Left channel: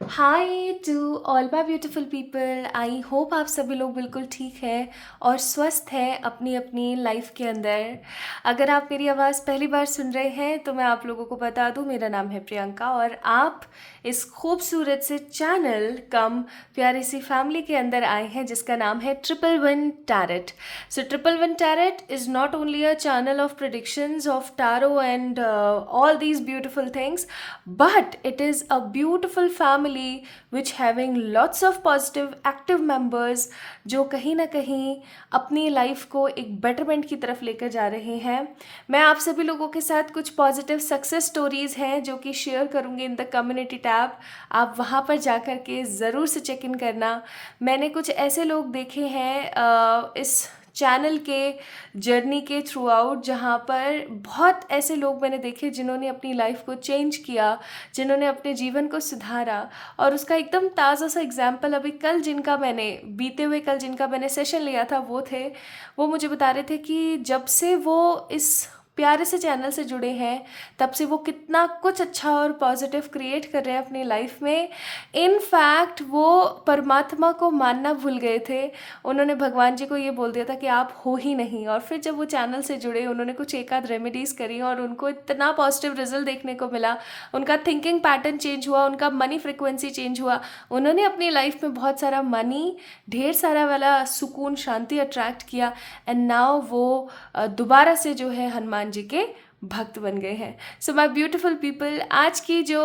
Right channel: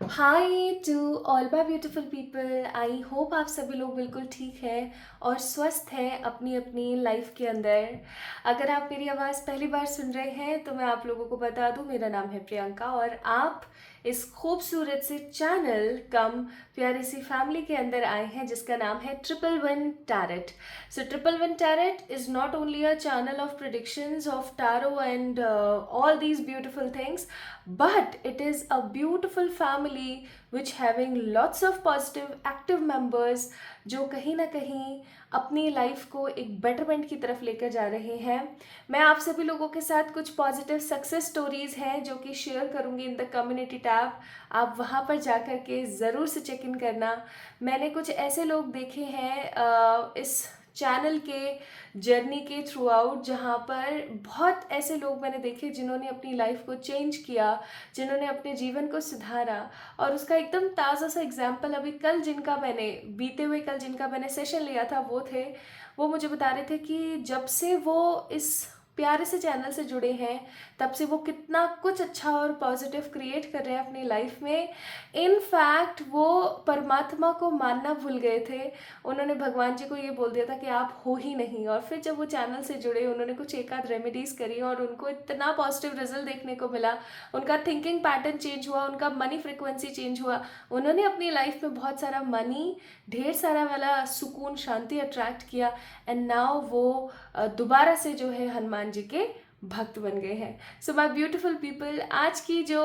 Hi to all my beautiful people. I hope आप सभी लोग बिल्कुल ठीक हैं और स्वस्थ हैं अपनी अपनी लाइफ के अंदर। अगर आप मेरी आवाज़ पहली बार सुन रहे हैं तो मैं आप लोगों को बता दूं, मेरा नाम है प्रियंका और आप इस खूबसूरत से चैनल कम प्यारी सी फैमिली के अंदर आए हैं जिसका नाम है triple one tarot. So triple one tarot is not only a channel of predictions of tarot and all these beautiful things, but it is a beautiful family which having lots of positive active members जो कहीं ना कहीं अपनी life को एक betterment की तरफ लेकर जा रहे हैं। मैं आप सभी लोगों के साथ कुछ पॉजिटिव सक्सेस स्टोरीज हैं जो कि शेयर करूंगी इन द कम्युनिटी टैब। आप वहाँ पर जा कर के ज़रूर से चेक इन करना। मैंने कुछ ऐसे लोग देखे हैं इस चैनल के जर्नी के थ्रू आउट, जहाँ पर बहुत ऐसे लोग मैंने देखे जिन्होंने अपनी लाइफ को चेंज किया, जिन्होंने अपने जीवन को सुधारा। और उसका एकदम ताज़ा सा एग्जाम्पल अभी कल जिनका मैंने बीते हुए कल जिनका मैंने सेशन लिया था वो मुझे बता रहे थे कि जब से वो इस प्यारे से चैनल से जुड़े हैं तब से वो कितना कुछ अच्छा और पॉजिटिव क्रिएट कर रहे हैं अपनी लाइफ में। इनफैक्ट वो परमात्मा को मानना भूल गए थे। उन्होंने भगवान जी को ये बोल दिया था कि आप हो ही नहीं, और फिर जब वो चैनल से जुड़े उन्होंने कुछ एक आध रेमेडीज़ करी और उनको इतना पॉजिटिव रिजल्ट देखने को मिला। उनका थिंकिंग पैटर्न चेंज हुआ, उनका मनी फ्रिक्वेंसी चेंज हुआ। उन्होंने अपनी लाइफ में बहुत सारा मनी, ढेर सारा वाला सुकून, शांति अट्रैक्ट किया। एंड नाउ वो दोबारा से जो है हनुमान जी के भक्त बन गए हैं। सो माय ब्यूटीफुल पीपल, आज की जो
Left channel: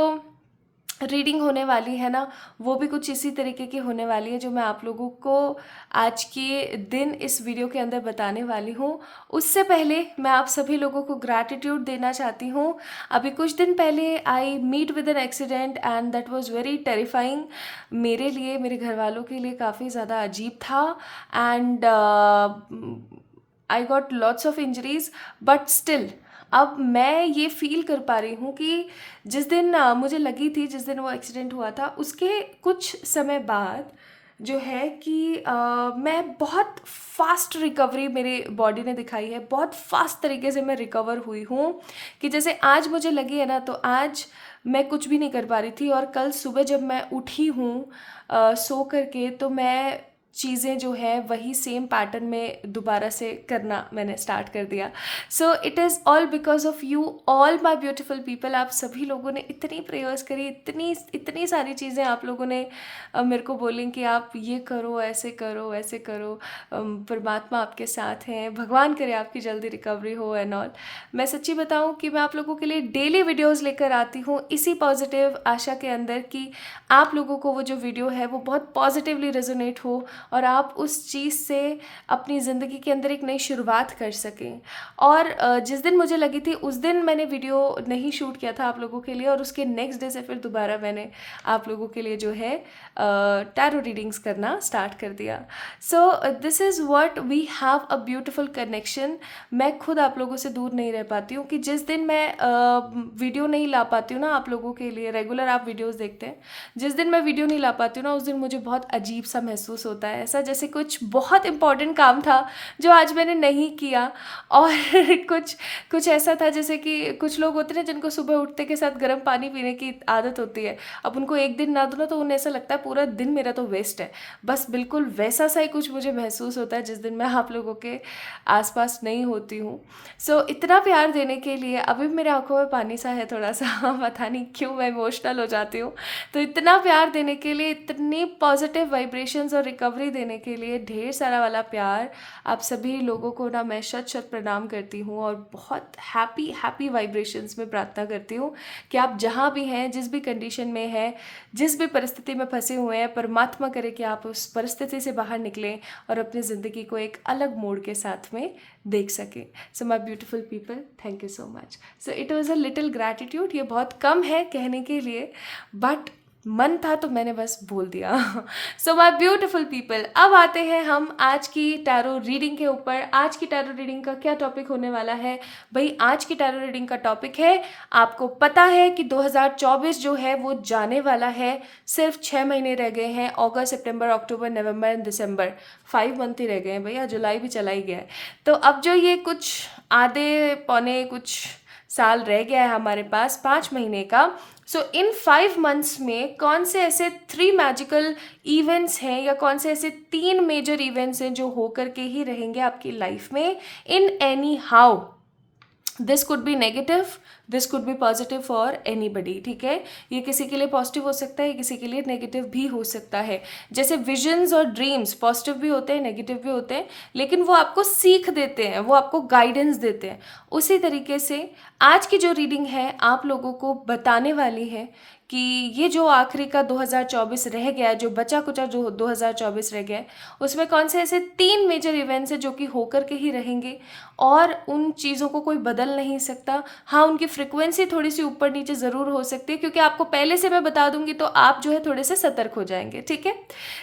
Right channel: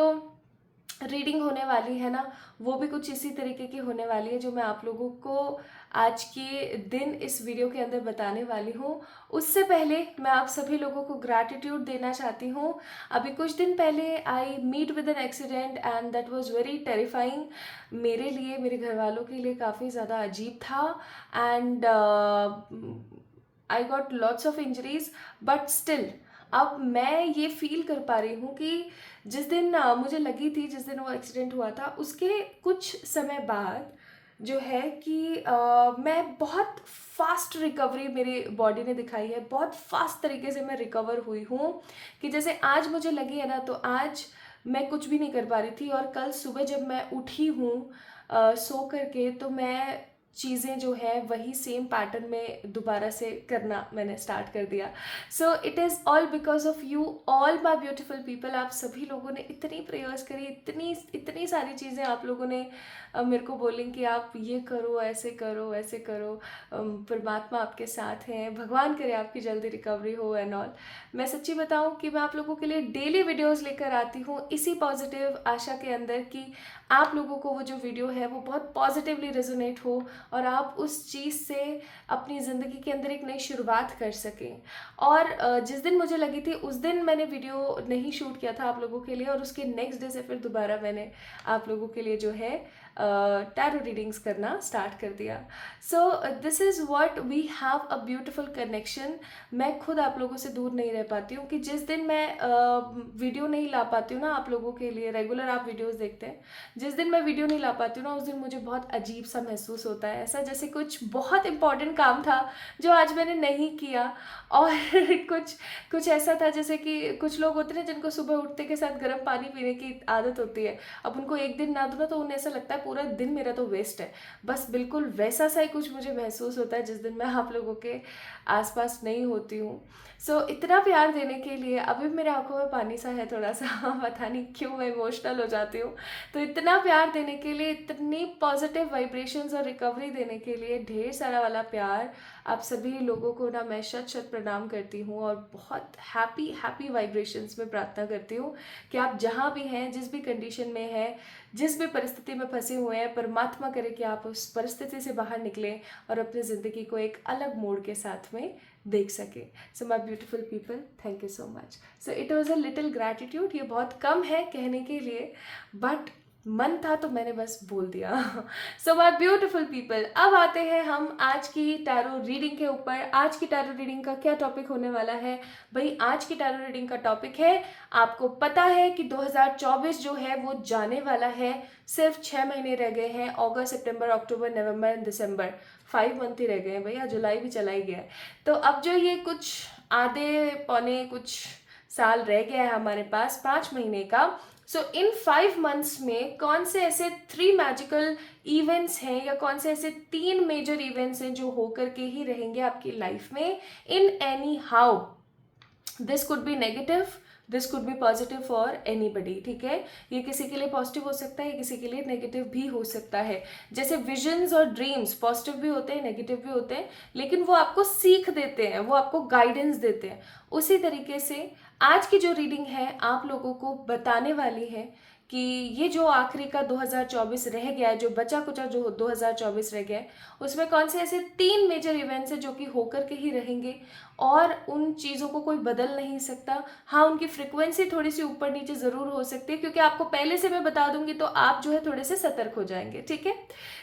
रीडिंग होने वाली है ना, वो भी कुछ इसी तरीके की होने वाली है जो मैं आप लोगों को आज के दिन इस वीडियो के अंदर बताने वाली हूँ। उससे पहले मैं आप सभी लोगों को ग्रैटिट्यूड देना चाहती हूँ। अभी कुछ दिन पहले I meet with an accident and that was very terrifying. मेरे लिए, मेरे घर वालों के लिए काफ़ी ज़्यादा अजीब था। And I got lots of injuries, but still अब मैं ये फील कर पा रही हूँ कि जिस दिन मुझे लगी थी, जिस दिन वो एक्सीडेंट हुआ था, उसके कुछ समय बाद जो है कि मैं बहुत फास्ट रिकवरी मेरी बॉडी ने दिखाई है। बहुत फास्ट तरीके से मैं रिकवर हुई हूँ कि जैसे आज मुझे लगी है ना, तो आज मैं कुछ भी नहीं कर पा रही थी और कल सुबह जब मैं उठी हूँ सो करके, तो मैं चीज़ें जो है वही सेम पैटर्न में दोबारा से करना मैंने स्टार्ट कर दिया। So it is all because of you all my beautiful people. आप सभी लोगों ने इतनी प्रेयर्स करी, इतनी इतनी सारी चीज़ें आप लोगों ने मेरे को बोली कि आप ये करो, ऐसे करो, वैसे करो। परमात्मा आपके साथ हैं, भगवान करे आपकी जल्दी रिकवरी हो एंड ऑल। मैं सच्ची बताऊँ कि मैं आप लोगों के लिए डेली वीडियोज़ लेकर आती हूँ इसी पॉजिटिव आशा के अंदर कि आप लोगों को वो जो वीडियो है वो बहुत पॉजिटिवली रेजोनेट हो और आप उस चीज़ से अपनी ज़िंदगी के अंदर एक नई शुरुआत कर सकें। और जिस दिन मुझे लगी थी उस दिन मैंने वीडियो नहीं शूट किया था आप लोगों के लिए, और उसके नेक्स्ट डे से फिर दोबारा मैंने आप लोगों के लिए जो है टैरो रीडिंग्स करना स्टार्ट कर दिया। So this is what we have a beautiful connection. मैं खुद आप लोगों से दूर नहीं रह पाती हूँ कि जिस दिन मैं वीडियो नहीं ला पाती हूँ ना आप लोगों के लिए, रेगुलर आप वीडियोज़ देखते हैं, जिस दिन मैं वीडियो नहीं ला पाती हूँ ना उस दिन मुझे बहुत अजीब सा महसूस होता है, ऐसा जैसे कुछ बहुत इंपॉर्टेंट काम था जो आज मैंने नहीं किया। और कुछ कुछ ऐसा था जैसे कि कुछ लोग होते हैं जिनको सुबह उठते के साथ गर्म पानी पीने की आदत होती है, अब उनको एक दिन ना दो ना तो उन्हें ऐसा लगता है पूरा दिन मेरा तो वेस्ट है। बस बिल्कुल वैसा सा ही कुछ मुझे महसूस होता है जिस दिन मैं आप लोगों के आसपास नहीं होती हूँ। सो इतना प्यार देने के लिए, अभी मेरे आंखों में पानी सा है थोड़ा सा पता नहीं क्यों मैं इमोशनल हो जाती हूँ। तो इतना प्यार देने के लिए, इतनी पॉजिटिव वाइब्रेशंस और रिकवरी देने के लिए ढेर सारा वाला प्यार आप सभी लोगों को ना मैं शत शत प्रणाम करती हूँ और बहुत हैप्पी हैप्पी वाइब्रेशंस में प्रार्थना करती हूँ कि आप जहाँ भी हैं, जिस भी कंडीशन में हैं, जिस भी परिस्थिति में फंसे हुए हैं, परमात्मा करे कि आप उस परिस्थिति से बाहर निकलें और अपनी ज़िंदगी को एक अलग मोड़ के साथ में देख सकें। So my beautiful people, thank you so much. So it was a little gratitude. ये बहुत कम है कहने के लिए, बट मन था तो मैंने बस बोल दिया। सो माई ब्यूटिफुल पीपल, अब आते हैं हम आज की टैरो रीडिंग के ऊपर। आज की टैरो रीडिंग का क्या टॉपिक होने वाला है भाई? आज की टैरो रीडिंग का टॉपिक है, आपको पता है कि 2024 जो है वो जाने वाला है। सिर्फ 6 महीने रह गए हैं, अगस्त, सितंबर, अक्टूबर, नवंबर एंड दिसंबर। 5 मंथ ही रह गए हैं भैया, जुलाई भी चला ही गया है। तो अब जो ये कुछ आधे पौने कुछ साल रह गया है हमारे पास, 5 महीने का। सो इन 5 मंथ्स में कौन से ऐसे 3 मैजिकल इवेंट्स हैं या कौन से ऐसे 3 मेजर इवेंट्स हैं जो होकर के ही रहेंगे आपकी लाइफ में in any how. This could be negative, this could be positive for anybody, ठीक है। ये किसी के लिए पॉजिटिव हो सकता है, किसी के लिए नेगेटिव भी हो सकता है। जैसे विजन्स और ड्रीम्स पॉजिटिव भी होते हैं, नेगेटिव भी होते हैं, लेकिन वो आपको सीख देते हैं, वो आपको गाइडेंस देते हैं। उसी तरीके से आज की जो रीडिंग है आप लोगों को बताने वाली है कि ये जो आखिरी का 2024 रह गया, जो बचा कुचा जो 2024 रह गया है, उसमें कौन से ऐसे 3 मेजर इवेंट्स हैं जो कि होकर के ही रहेंगे और उन चीज़ों को कोई बदल नहीं सकता। हाँ, उनकी फ्रिक्वेंसी थोड़ी सी ऊपर नीचे ज़रूर हो सकती है, क्योंकि आपको पहले से मैं बता दूंगी तो आप जो है थोड़े से सतर्क हो जाएंगे, ठीक है।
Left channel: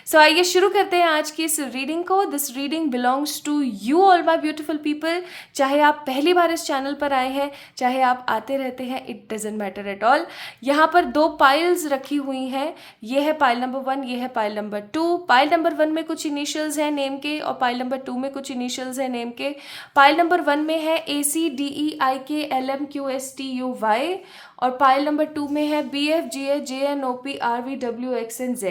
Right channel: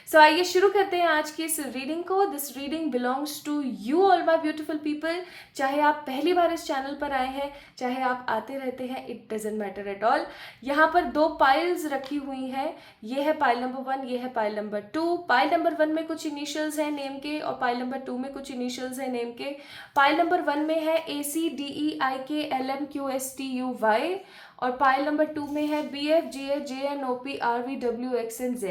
सो आइए शुरू करते हैं आज की इस रीडिंग को। This reading belongs to you all my beautiful people. चाहे आप पहली बार इस चैनल पर आए हैं, चाहे आप आते रहते हैं, it doesn't matter at all. यहाँ पर 2 पाइल्स रखी हुई हैं। ये है पाइल नंबर 1, ये है पाइल नंबर 2। पाइल नंबर 1 में कुछ इनिशियल्स हैं नेम के और पाइल नंबर 2 में कुछ इनिशियल्स हैं नेम के। पाइल नंबर 1 में है ACDEIKLMQSTUY और पाइल नंबर 2 में है BFGHJNOPRVWXNZ।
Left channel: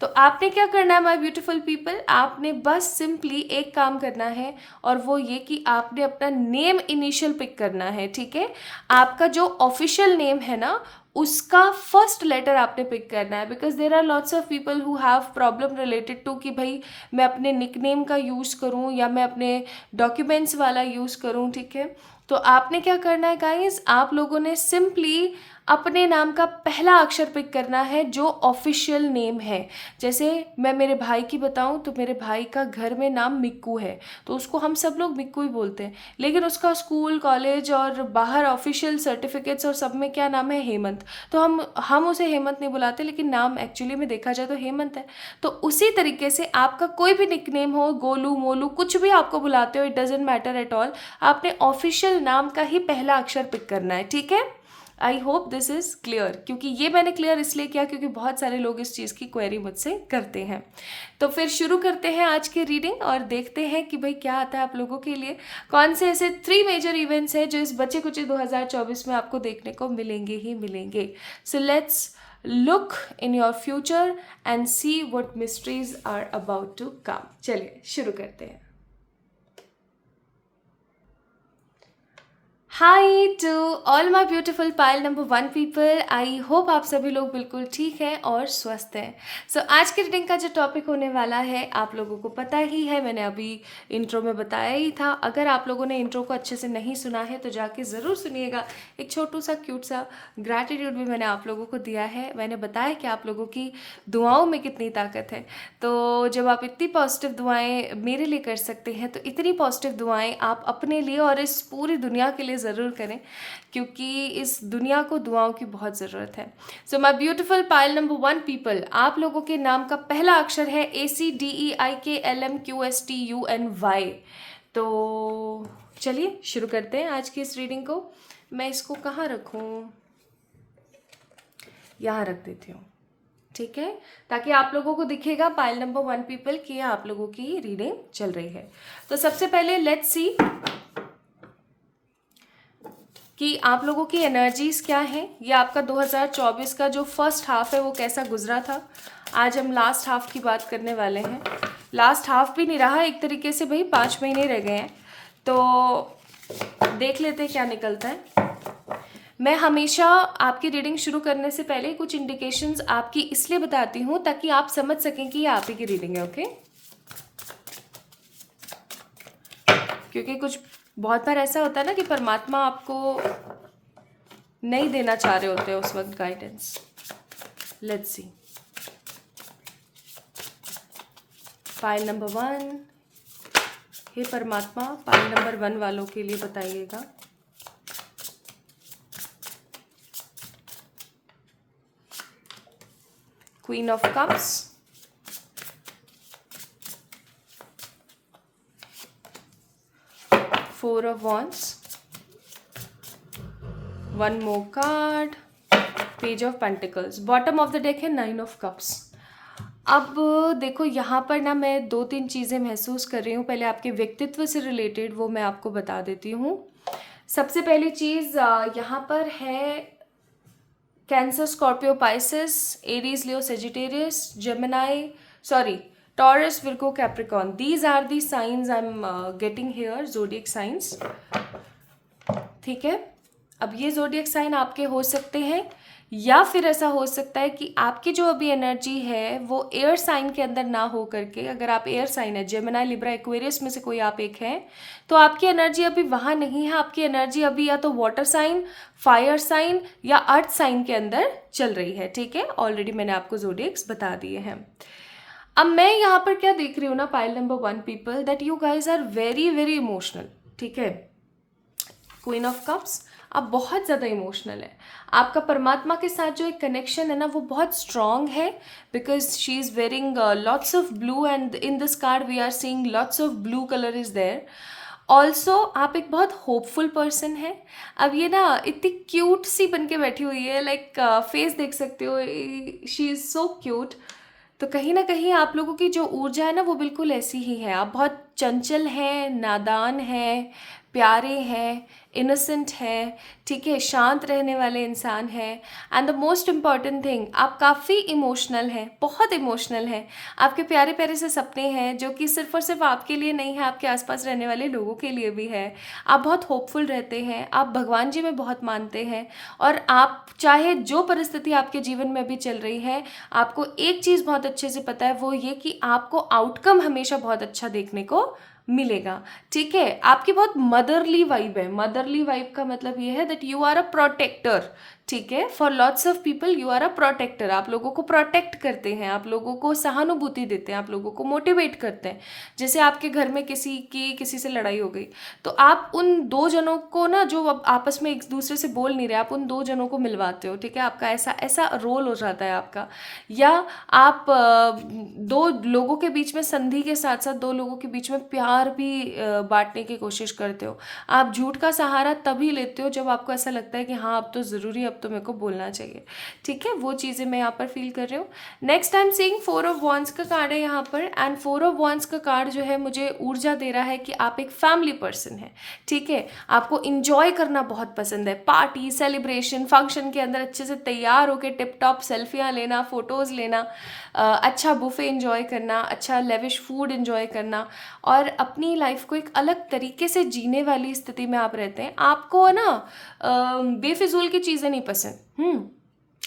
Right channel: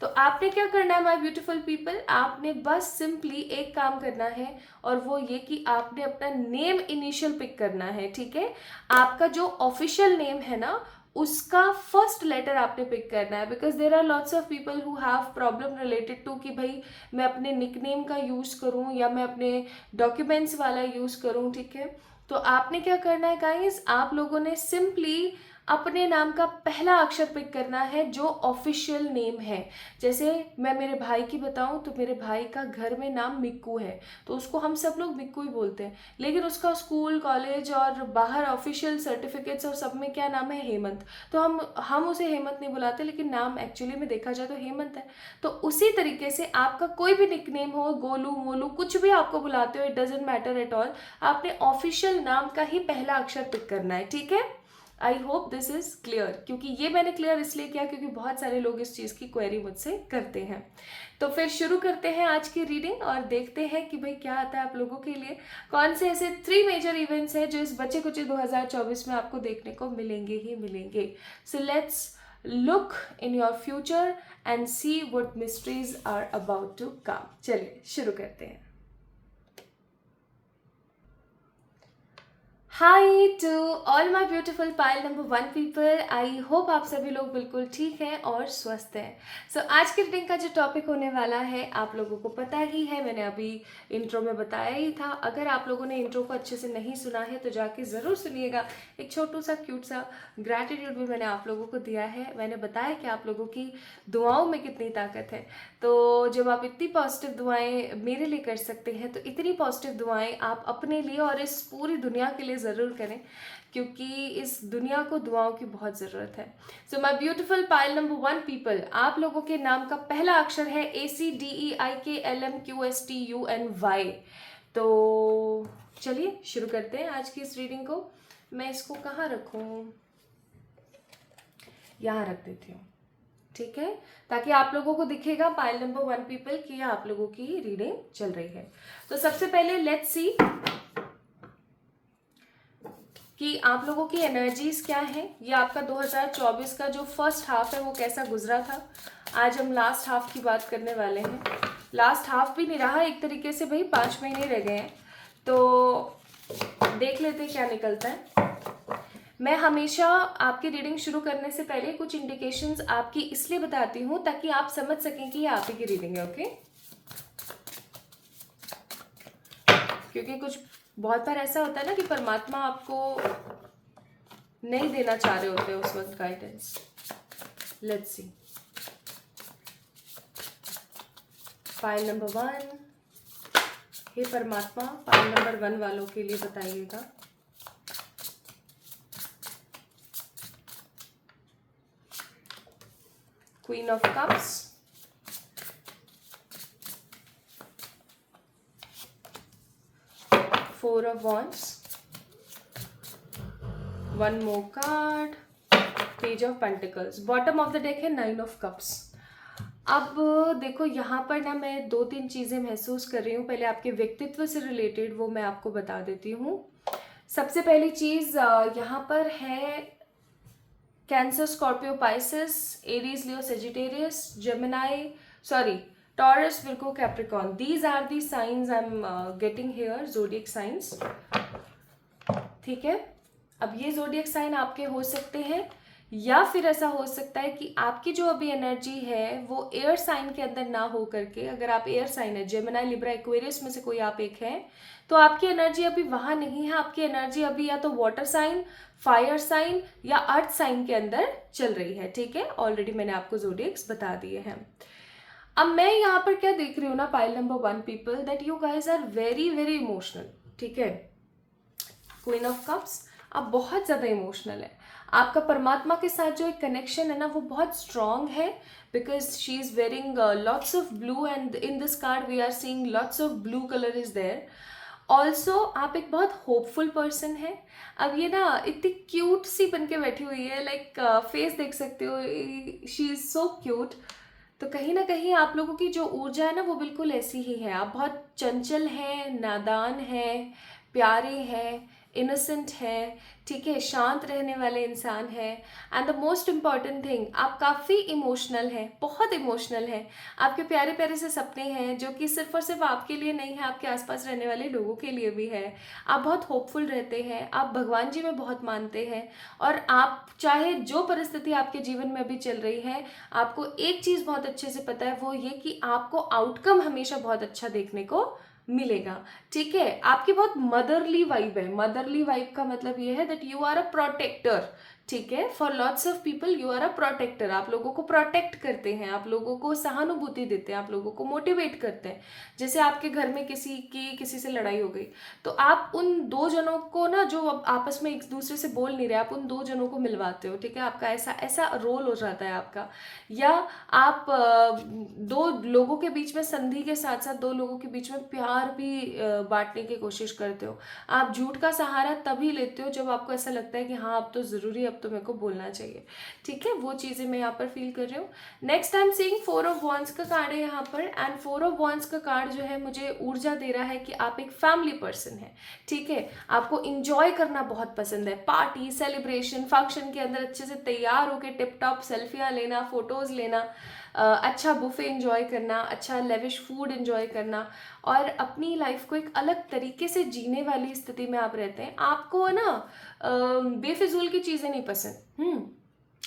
तो आपने क्या करना है माय ब्यूटीफुल पीपल, आपने बस सिंपली एक काम करना है और वो ये कि आपने अपना नेम इनिशियल पिक करना है, ठीक है। आपका जो ऑफिशियल नेम है ना, उसका फर्स्ट लेटर आपने पिक करना है, because there are lots of people who have problem related to कि भाई मैं अपने निकनेम का यूज़ करूँ या मैं अपने डॉक्यूमेंट्स वाला यूज़ करूँ, ठीक है। तो आपने क्या करना है गाइस, आप लोगों ने सिंपली अपने नाम का पहला अक्षर पिक करना है जो ऑफिशियल नेम है। जैसे मैं मेरे भाई की बताऊं तो मेरे भाई का घर में नाम मिक्कू है, तो उसको हम सब लोग मिक्कू ही बोलते हैं, लेकिन उसका स्कूल कॉलेज और बाहर ऑफिशियल सर्टिफिकेट्स और सब में क्या नाम है, हेमंत। तो हम उसे हेमंत नहीं बुलाते, लेकिन नाम एक्चुअली में देखा जाए तो हेमंत है। तो उसी तरीके से आपका कोई भी निकनेम हो, गोलू मोलू कुछ भी आपको बुलाते हो, it doesn't matter at all, आपने ऑफिशियल नाम का ही पहला अक्षर पिक करना है, ठीक है। I hope this is clear, क्योंकि ये मैंने क्लियर इसलिए किया क्योंकि बहुत सारे लोग इस चीज़ की क्वेरी मुझसे करते हैं। तो फिर शुरू करते हैं आज की रीडिंग और देखते हैं कि भाई क्या आता है आप लोगों के लिए। कौन से ऐसे 3 मेजर इवेंट्स हैं जो इस बचे कुचे 2024 में आपको देखने को मिलेंगे ही मिलेंगे। So let's look in your future and see what mysteries are about to come. चलिए शुरू करते हैं। Hi to all my beautiful pile number 1 people, I hope आप सभी लोग बिल्कुल ठीक हैं और स्वस्थ हैं। सो आज की रीडिंग का जो टॉपिक होने वाला है आप लोगों को पता ही है, मैंने अभी इंट्रो में बताया ही था। अगर आप लोगों ने इंट्रो को अच्छे से नहीं सुना है तो जाके ज़रूर सुनिएगा। एक छोटू सा क्यूट सा ग्रैटिट्यूड भी मैंने आप लोगों को दिया है। मैंने बताया कि आप लोगों की दुआओं में कितनी ताकत है। तो जब आप इतनी पॉजिटिव दुआएं मेरे लिए कर सकते हैं तो इतनी पॉजिटिव दुआएं आप अपने लिए और इस पूरी दुनिया के लिए ज़रूर करें, क्योंकि इस दुनिया को दुआओं की बहुत ज़रूरत है। So my beautiful pile number 1 people, आप लोगों के नाम का पहला अक्षर है ACDEIKLMQSTUNY। तो चलिए शुरू करते हैं आज की इस रीडिंग को। मैं इसको कहाँ रखूँ, यहाँ रख देती हूँ, ठीक है, ताकि आप लोगों को दिखेगा पाइल नंबर 1 पीपल की आप लोगों की रीडिंग चल रही है। तो सबसे पहले लेट्स सी कि आप लोगों की एनर्जीज क्या है। ये आपका 2024 का जो फर्स्ट हाफ है वो कैसा गुजरा था। आज हम लास्ट हाफ की बात करने वाले हैं। लास्ट हाफ भी नहीं रहा एक तरीके से, भाई 5 महीने रह गए हैं, तो देख लेते हैं क्या निकलता है। मैं हमेशा आपकी रीडिंग शुरू करने से पहले कुछ इंडिकेशंस आपकी इसलिए बताती हूँ ताकि आप समझ सकें कि ये आप ही की रीडिंग है, ओके। क्योंकि कुछ बहुत बार ऐसा होता है ना कि परमात्मा आपको नहीं देना चाह रहे होते उस वक्त guidance. Let's see file number 1, हे परमात्मा फाइल नंबर 1 वालों के लिए बताइएगा। Queen of cups, four of wands, one more card, page of pentacles, bottom of the deck है 9 ऑफ कप्स। अब देखो यहाँ पर ना मैं 2-3 चीज़ें महसूस कर रही हूँ। पहले आपके व्यक्तित्व से रिलेटेड वो मैं आपको बता देती हूँ। सबसे पहली चीज़ यहाँ पर है Cancer, Scorpio, Pisces, Aries, Leo, Sagittarius, Gemini, sorry, Taurus, Virgo, Capricorn. These are the science I am getting here, zodiac science. ठीक है. अब ये जोडियक साइन आपके हो सकते हैं, या फिर ऐसा हो सकता है कि आपकी जो अभी एनर्जी है वो एयर साइन के अंदर ना हो करके, अगर आप एयर साइन है, जेमिनी, लिब्रा, एक्वेरियस में से कोई आप एक हैं, तो आपकी एनर्जी अभी वहाँ नहीं है. आपकी एनर्जी अभी या तो वाटर साइन, फायर साइन या अर्थ साइन के अंदर चल रही है. ठीक है. ऑलरेडी मैंने आपको जोडियक्स बता दिए हैं. अब मैं यहाँ पर क्या देख रही हूँ ना, pile number 1 people, that you guys are very very emotional. ठीक है. क्वीन ऑफ कप्स, आप बहुत ज़्यादा इमोशनल है. आपका परमात्मा के साथ जो एक कनेक्शन है ना वो बहुत स्ट्रॉन्ग है, because she is wearing lots of blue and in this card we are seeing lots of blue colour is there. Also आप एक बहुत होपफुल पर्सन है. अब ये ना इतनी क्यूट सी बन के बैठी हुई है, लाइक फेस देख सकते हो, शी इज़ सो क्यूट. तो कहीं ना कहीं आप लोगों की जो ऊर्जा है ना वो बिल्कुल ऐसी ही है. आप बहुत चंचल हैं, नादान हैं, प्यारे हैं, इनोसेंट है. ठीक है. शांत रहने वाले इंसान हैं. And the most important thing, आप काफ़ी इमोशनल हैं, बहुत इमोशनल हैं. आपके प्यारे प्यारे से सपने हैं जो कि सिर्फ और सिर्फ आपके लिए नहीं है, आपके आसपास रहने वाले लोगों के लिए भी है. आप बहुत होपफुल रहते हैं, आप भगवान जी में बहुत मानते हैं, और आप चाहे जो परिस्थिति आपके जीवन में भी चल रही है, आपको एक चीज़ बहुत अच्छे से पता है, वो ये कि आपको आउटकम हमेशा बहुत अच्छा देखने को मिलेगा. ठीक है. आपकी बहुत मदरली वाइब है. मदरली वाइब का मतलब ये है that you are a protector. ठीक है. For lots of people you are a protector. आप लोगों को प्रोटेक्ट करते हैं, आप लोगों को सहानुभूति देते हैं, आप लोगों को मोटिवेट करते हैं. जैसे आपके घर में किसी से लड़ाई हो गई, तो आप उन दो जनों को ना, जो अब आपस में एक दूसरे से बोल नहीं रहे, आप उन दो जनों को मिलवाते हो. ठीक है. आपका ऐसा ऐसा रोल हो जाता है आपका. या आप दो लोगों के बीच में संधि के साथ साथ दो लोगों के बीच में प्यार भी बांटने की कोशिश करते हो. आप झूठ का सहारा तभी लेते हो जब आपको ऐसा लगता है कि हाँ अब तो ज़रूरी, अब तो मेरे को बोलना चाहिए. ठीक है. वो चीज़ें मैं यहाँ पर फील कर रही हूँ. Next I am seeing 4 of wands का कार्ड है यहाँ पर, एंड 4 ऑफ वॉन्ड्स का कार्ड जो है मुझे ऊर्जा दे रहा है कि आप एक फैमिली पर्सन है. ठीक है. आपको इंजॉय करना बहुत पसंद है. पार्टी, सेलिब्रेशन, फंक्शन के अंदर अच्छे से तैयार होकर टिप टॉप सेल्फियाँ लेना, फोटोज़ लेना, अच्छा बुफे इंजॉय करना, अच्छा लेविश फूड इंजॉय करना, और अपनी लाइफ को एक अलग तरीके से जीने वाली स्थिति में आप रहते हैं. आपको ना बेफिजूल की चीज़ें नहीं पसंद.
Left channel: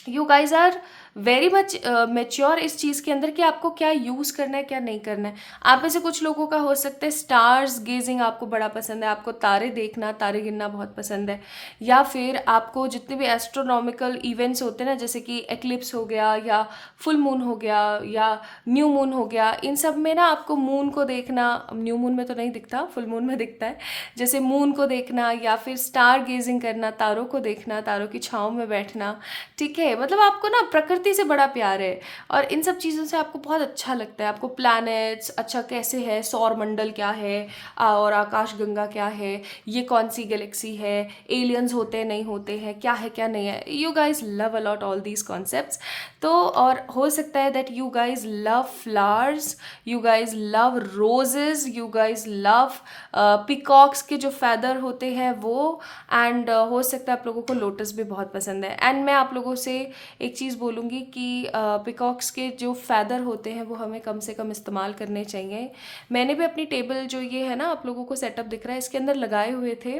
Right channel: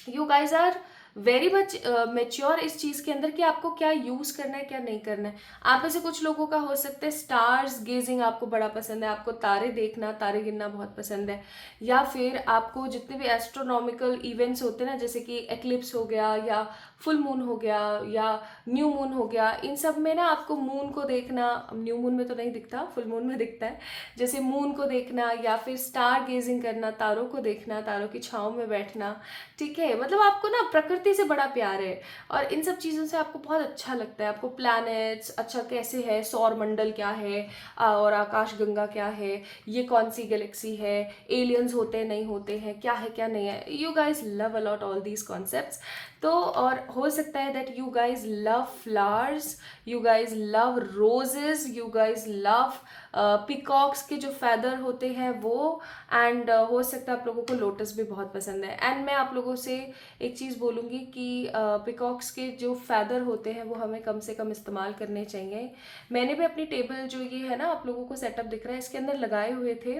You guys are very much mature इस चीज़ के अंदर कि आपको क्या यूज़ करना है, क्या नहीं करना है. आप में से कुछ लोगों का हो सकता है स्टार्स गेजिंग आपको बड़ा पसंद है, आपको तारे देखना, तारे गिनना बहुत पसंद है. या फिर आपको जितने भी एस्ट्रोनॉमिकल इवेंट्स होते हैं ना, जैसे कि एक्लिप्स हो गया, या फुल मून हो गया, या न्यू मून हो गया, इन सब में ना आपको मून को देखना, न्यू मून में तो नहीं दिखता, फुल मून में दिखता है, जैसे मून को देखना, या फिर स्टार गेजिंग करना, तारों को देखना, तारों की छाँव में बैठना. ठीक है. मतलब आपको ना प्रकृति से बड़ा प्यार है, और इन सब चीज़ों से आपको बहुत अच्छा लगता है. आपको प्लैनेट्स अच्छा कैसे है, सौर मंडल क्या है, और आकाश गंगा क्या है, ये कौन सी गैलेक्सी है, एलियंस होते हैं नहीं होते हैं, क्या है क्या नहीं है. You guys love a lot all these concepts. तो और हो सकता है that you guys love flowers, you guys love roses, you guys love peacocks के जो फैदर होते हैं वो, एंड हो सकता है आप लोगों को लोटस भी बहुत पसंद है. एंड मैं आप लोगों से एक चीज़ बोलूँगी कि पिकॉक्स के जो फैदर होते हैं वो हमें कम से कम इस्तेमाल करने चाहिए. मैंने भी अपनी टेबल जो ये है ना आप लोगों को सेटअप दिख रहा है, इसके अंदर लगाए हुए थे,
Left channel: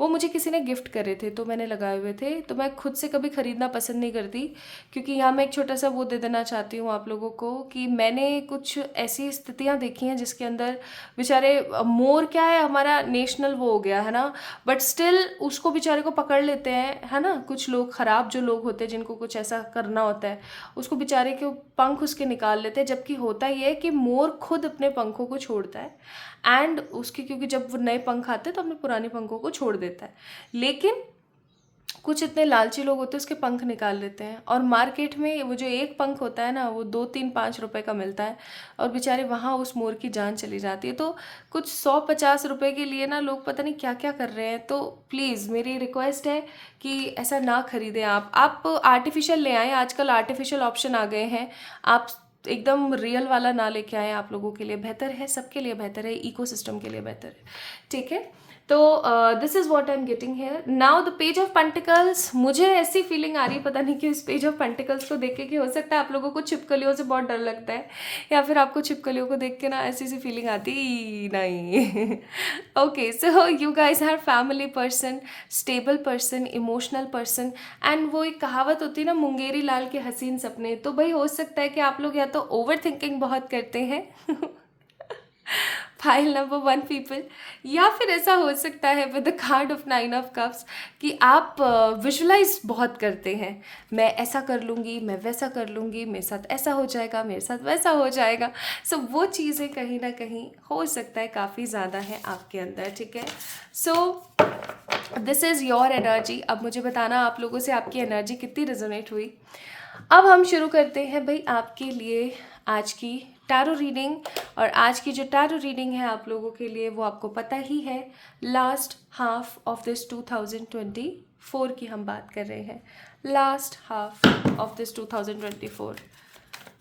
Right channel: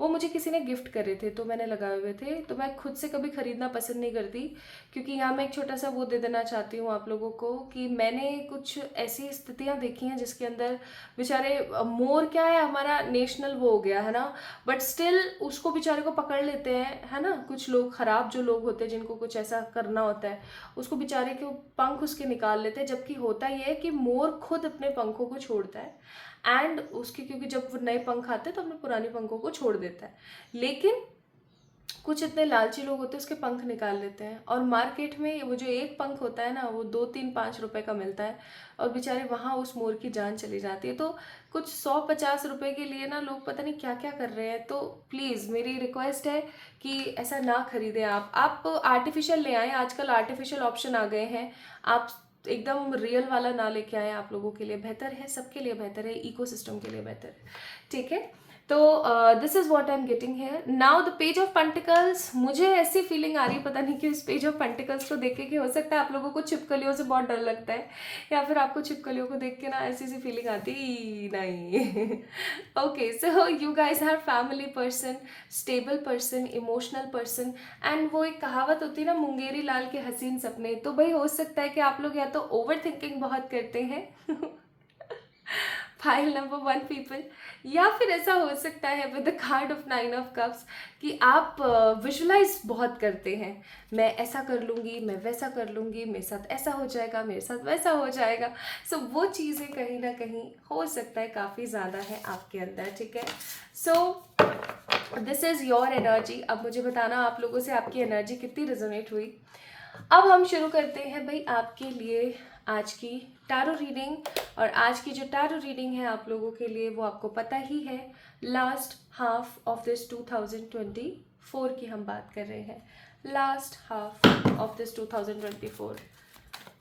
वो मुझे किसी ने गिफ्ट करे थे तो मैंने लगाए हुए थे. तो मैं खुद से कभी ख़रीदना पसंद नहीं करती, क्योंकि यहाँ मैं एक छोटा सा वो दे देना चाहती हूँ आप लोगों को कि मैंने कुछ ऐसी स्थितियाँ देखी हैं जिसके अंदर बेचारे, मोर क्या है हमारा नेशनल वो हो गया है ना, बट स्टिल उसको बेचारे को पकड़ लेते हैं, है ना. कुछ लोग ख़राब जो लोग होते हैं जिनको कुछ ऐसा करना होता है, उसको बेचारे के पंख उसके निकाल लेते हैं. जबकि होता ये है कि मोर खुद अपने पंखों को छोड़ता है, एंड उसके क्योंकि जब वो नए पंख आते हैं तो अपने पुराने पंखों को छोड़ देता है. लेकिन कुछ इतने लालची लोग होते हैं उसके पंख निकाल लेते हैं, और मार्केट में वो जो एक पंख होता है ना वो 2, 3, 5 रुपए का मिलता है, और बेचारे वहाँ उस मोर की जान चली जाती है. तो कुछ 100, 50 रुपए के लिए ना लोग पता नहीं क्या क्या कर रहे हैं. तो प्लीज़ मेरी रिक्वेस्ट है कि ऐसा ना खरीदें. आप आर्टिफिशियल ले आएँ. आजकल आर्टिफिशियल ऑप्शन आ गए हैं, आप एकदम रियल वाला ना लेके आए. आप लोगों के लिए बेहतर है, सबके लिए बेहतर है, इकोसिस्टम के लिए बेहतर है. ठीक है. तो this is what I am getting here now. The page of pentacles, मुझे ऐसी फीलिंग आ रही है, पता नहीं कि इस पेज ऑफ पेंटिकल्स को देख के हो सकता है आप लोगों को छिपकलियों से बहुत डर लगता है, या फिर आपको छिपकलियों को देख के ना ऐसी सी फीलिंग आती नहीं। Okay, so you guys are family person, stable person, emotional person, and वो एक कहावत होती है ना, मुंगेरी लाल के हसीन सपने। तो भाई हो सकता है कि आप लोग या तो ओवर थिंकिंग बहुत करते हैं फाइल नंबर 1 पीपल, या फिर ऐसा हो सकता है with the card of 9 of cups कि आप विजुलाइज बहुत करते हैं। मैं ऐसा कर लूँगी, मैं वैसा कर लूँगी, मेरे साथ ऐसा हो जाएगा, मेरे साथ वैसा हो जाएगा। सो वो चीज़ें कहीं ना कहीं हो सकता है काफ़ी ज़्यादा है आपके अंदर, ठीक है। सो दिस इज़ योर एनर्जी। अब मुझे बताना आप लोगों से आपकी एनर्जी कितनी रेजोनेट हुई। अब हम शुरू करते हैं भाई आपके लिए आज की टैरो रीडिंग। और आज की जो टैरो रीडिंग है आप लोगों के लिए वो आपको पता ही है, लास्ट हाफ ऑफ दिस 2024 की हम बात कर रहे हैं। Last half of this 2024,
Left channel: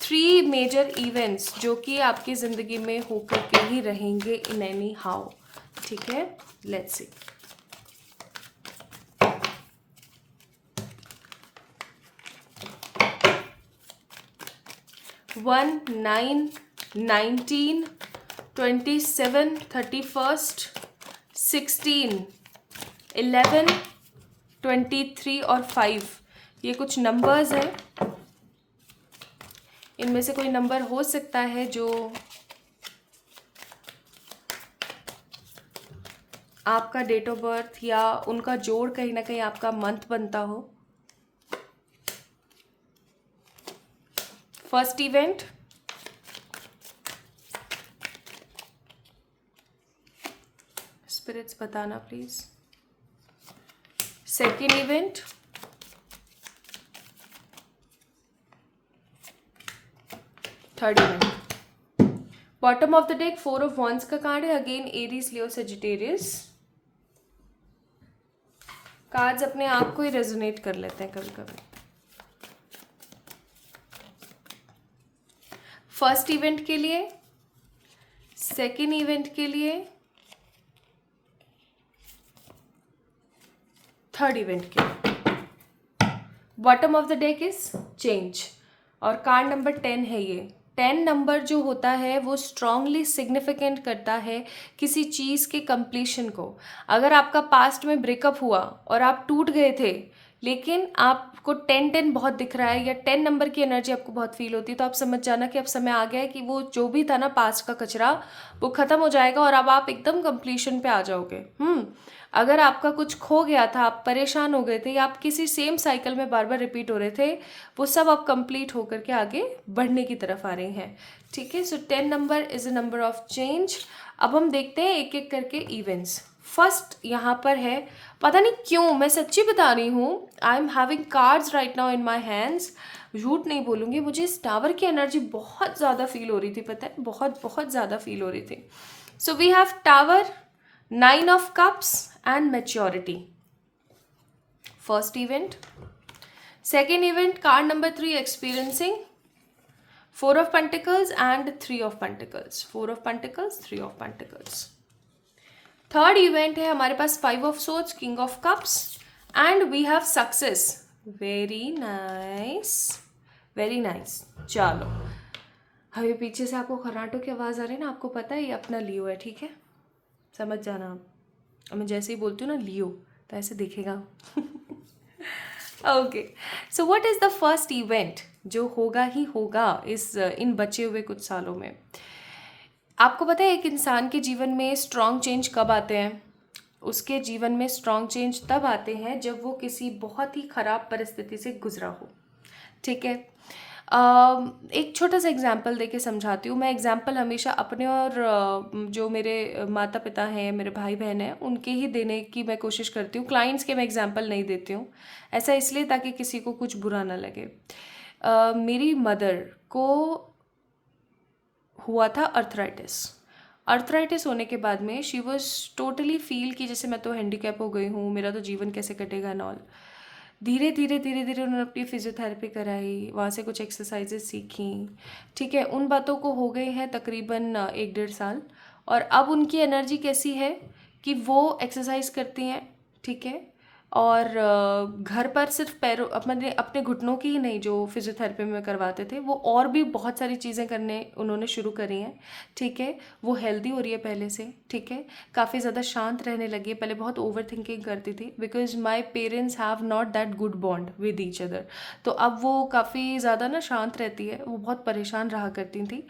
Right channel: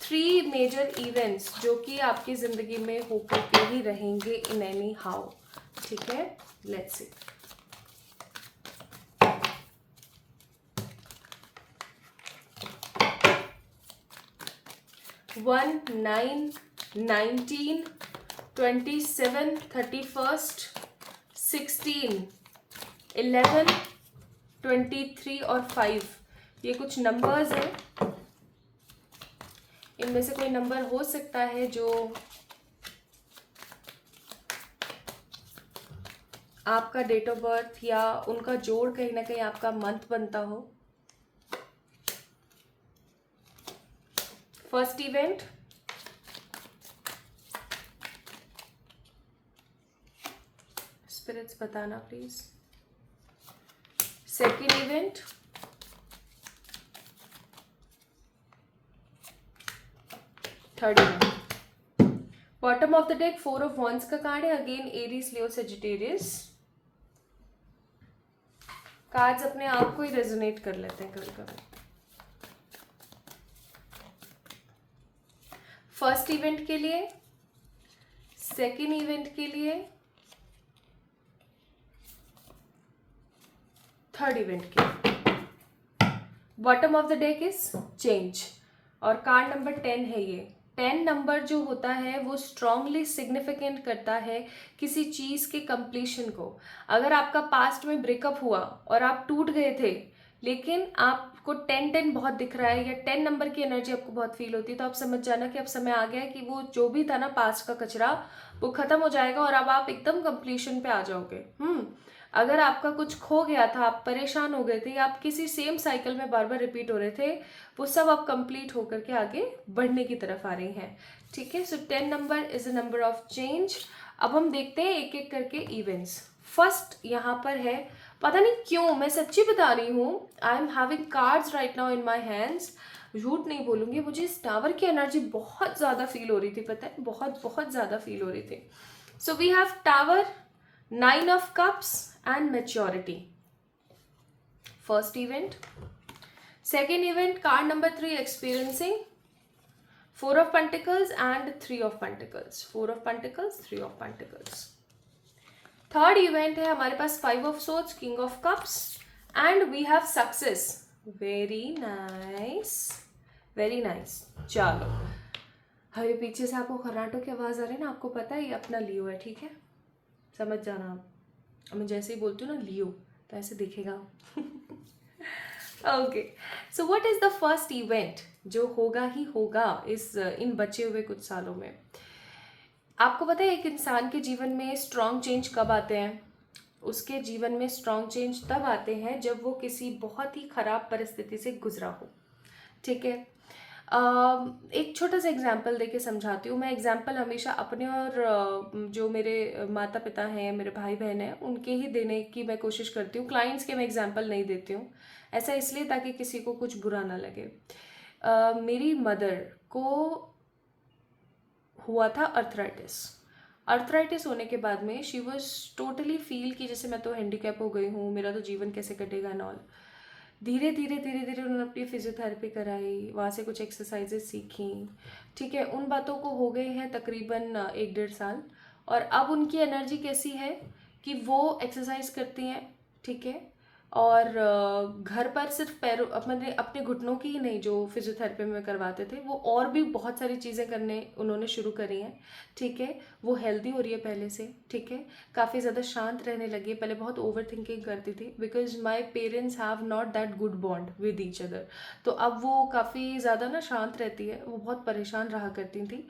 3 major events जो कि आपकी ज़िंदगी में होकर के ही रहेंगे इन एनी हाउ, ठीक है। Let's see. 1, 9, 19, 27, 31st, 16, 11, 23 और 5, ये कुछ नंबर्स हैं। इनमें से कोई नंबर हो सकता है जो आपका डेट ऑफ बर्थ या उनका जोड़ कहीं ना कहीं आपका मंथ बनता हो। फर्स्ट इवेंट, स्पिरिट्स बताना please. Second event, third event. Bottom of the deck 4 of wands का कार्ड है, अगेन एरीज, लियो, सजिटेरियस। कार्ड्स अपने आप को ही रेजोनेट कर लेते हैं कभी कभी। फर्स्ट इवेंट के लिए, सेकेंड इवेंट के लिए, थर्ड इवेंट के लिए। Bottom of the deck is change और कार्ड नंबर 10 है। ये 10 नंबर जो होता है वो स्ट्रांगली सिग्निफिकेंट करता है किसी चीज़ के कंप्लीशन को। अगर आपका पास्ट में ब्रेकअप हुआ और आप टूट गए थे, लेकिन आपको 10-10 बहुत दिख रहा है या 10 नंबर की एनर्जी आपको बहुत फील होती है, तो आप समझ जाना कि अब समय आ गया है कि वो जो भी था ना पास्ट का कचरा, वो ख़त्म हो जाएगा और अब आप एकदम कंप्लीशन पे आ जाओगे। अगर आपका कुछ खो गया था, आप परेशान हो गए थे या आप किसी सेम साइकिल में बार बार रिपीट हो रहे थे, वो सब अब कंप्लीट होकर के आगे बढ़ने की तरफ आ रही हैं, ठीक है। सो 10 number is a number of change. अब हम देखते हैं एक एक करके इवेंट्स। फर्स्ट यहाँ पर है, पता नहीं क्यों, मैं सच्ची बता रही हूँ, I am having cards right now in my hands, झूठ नहीं बोलूँगी, मुझे इस टावर की एनर्जी बहुत ज़्यादा फील हो रही थी, पता है, बहुत बहुत ज़्यादा फील हो रही थी। So we have tower, 9 of cups and maturity. First event. Second event, card number 3, experiencing, 4 of pentacles and 3 of pentacles. 4 of pentacles, 3 of pentacles. Third event है हमारे पास 5 of swords, king of cups, and we have success. Very nice, very nice. चलो, अभी पीछे से आपको खर्राटों की आवाज़ आ रही है ना, आपको पता है ये अपना लियो है, ठीक है, समझ जाना आप। मैं जैसे ही बोलती हूँ ना लियो, तो ऐसे दिखेगा। Okay, so what is the first event जो होगा ही होगा इन बचे हुए कुछ सालों में। आपको पता है एक इंसान के जीवन में स्ट्रॉन्ग चेंज कब आते हैं? उसके जीवन में स्ट्रॉन्ग चेंज तब आते हैं जब वो किसी बहुत ही ख़राब परिस्थिति से गुजरा हो, ठीक है। एक छोटा सा एग्जाम्पल दे के समझाती हूँ। मैं एग्जाम्पल हमेशा अपने और जो मेरे माता पिता हैं, मेरे भाई बहन हैं, उनके ही देने की मैं कोशिश करती हूँ। क्लाइंट्स के मैं एग्जाम्पल नहीं देती हूँ, ऐसा इसलिए ताकि किसी को कुछ बुरा ना लगे। मेरी मदर को हुआ था अर्थराइटिस होने के बाद में शी वॉज टोटली फील कि जैसे मैं तो हैंडीकैप हो गई हूँ, मेरा तो जीवन कैसे कटेगा एंड ऑल। धीरे धीरे उन्होंने अपनी फिजियोथेरेपी कराई, वहाँ से कुछ एक्सरसाइजेज सीखी, ठीक है। उन बातों को हो गए हैं तकरीबन 1-1.5 साल, और अब उनकी एनर्जी कैसी है कि वो एक्सरसाइज करती हैं, ठीक है, और घर पर सिर्फ पैरों अपने अपने घुटनों की ही नहीं, जो फिजियोथेरेपी में करवाते थे, वो और भी बहुत सारी चीज़ें करने उन्होंने शुरू करी हैं, ठीक है। वो हेल्दी हो रही है पहले से, ठीक है। काफ़ी ज़्यादा शांत रहने लगी है, पहले बहुत ओवर थिंकिंग करती थी, because my parents have not that good bond with each other. तो अब वो काफ़ी ज़्यादा ना शांत रहती है, वो बहुत परेशान रहा करती थी।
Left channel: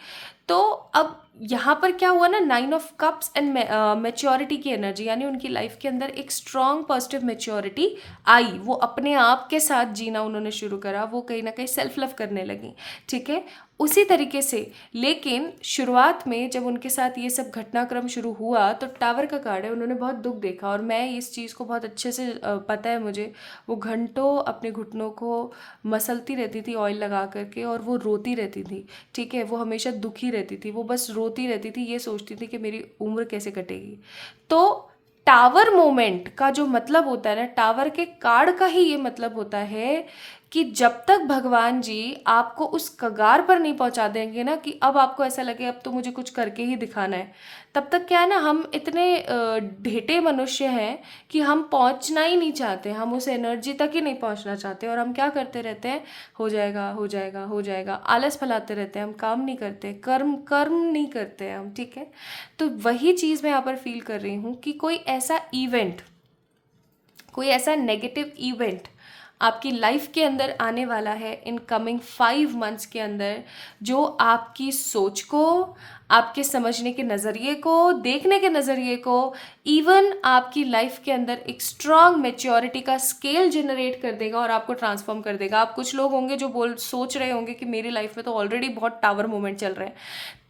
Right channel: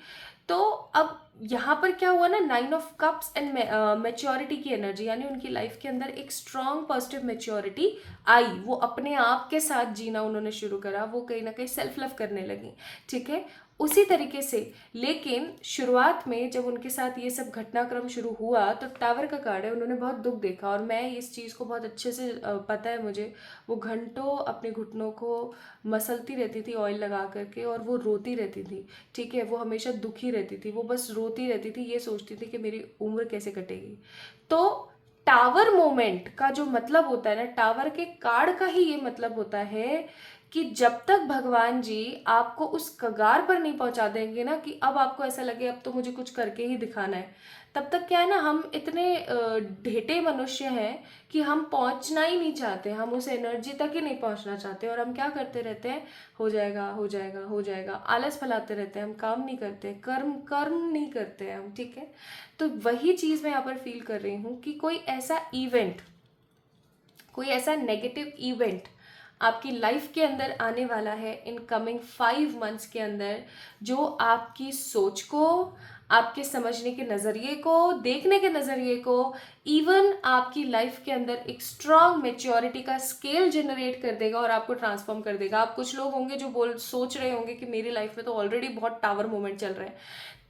तो अब यहाँ पर क्या हुआ ना, 9 ऑफ कप्स एंड मेच्योरिटी की एनर्जी, यानी उनकी लाइफ के अंदर एक स्ट्रॉन्ग पॉजिटिव मेच्योरिटी आई। वो अपने आप के साथ जीना उन्होंने शुरू करा, वो कहीं ना कहीं सेल्फ लव करने लगी, ठीक है। उसी तरीके से, लेकिन शुरुआत में जब उनके साथ ये सब घटनाक्रम शुरू हुआ तो टावर का कार्ड है, उन्होंने बहुत दुख देखा, और मैं इस चीज़ को बहुत अच्छे से पता है मुझे। वो घंटों अपने घुटनों को मसलती रहती थी ऑयल लगा करके, और वो रोती रहती थी, ठीक है। वो हमेशा दुखी रहती थी, वो बस रोती रहती थी, ये सोचती थी कि मेरी उम्र कैसे कटेगी। तो टावर मोमेंट का जो मतलब होता है ना, टावर के कार्ड का ही ये मतलब होता है कि जब तक भगवान जी आपको उस कगार पर नहीं पहुंचा देंगे ना, कि अब आपको ऐसा लगे अब तो मुझे कुछ करके ही दिखाना है, तब तक क्या है ना, हम इतने ढेटे मनुष्य हैं कि हम पहुंचना ही नहीं चाहते, हम उस एनर्जी तक ही नहीं पहुंचना चाहते, और हम क्या करते रहते हैं, हो जाएगा हो जाएगा हो जाएगा, आलस फैलाते रहते हैं, हम काम नहीं करते, कर्म कर्म नहीं करते हम, ठीक है। तो वही चीज़ मैं यहाँ पर फील कर रही हूँ कि कोई ऐसा इवेंट, कोई ऐसा नेगेटिव इवेंट आपकी लाइफ के अंदर आने वाला है इन कमिंग 5 मंथ्स के अंदर, जो आपकी सोच को, आपके समझने के नज़रिए को, देखने के नज़रिए को, इवन आपकी लाइफ के अंदर एक स्ट्रांग मेच्योरिटी का स्केल जनरेट कर देगा और आपको ट्रांसफॉर्म कर देगा। आप कुछ लोग होंगे जो सोच रहे होंगे कि मेरी लाइफ में तो ऑलरेडी बहुत टावर मोमेंट चल रहे हैं,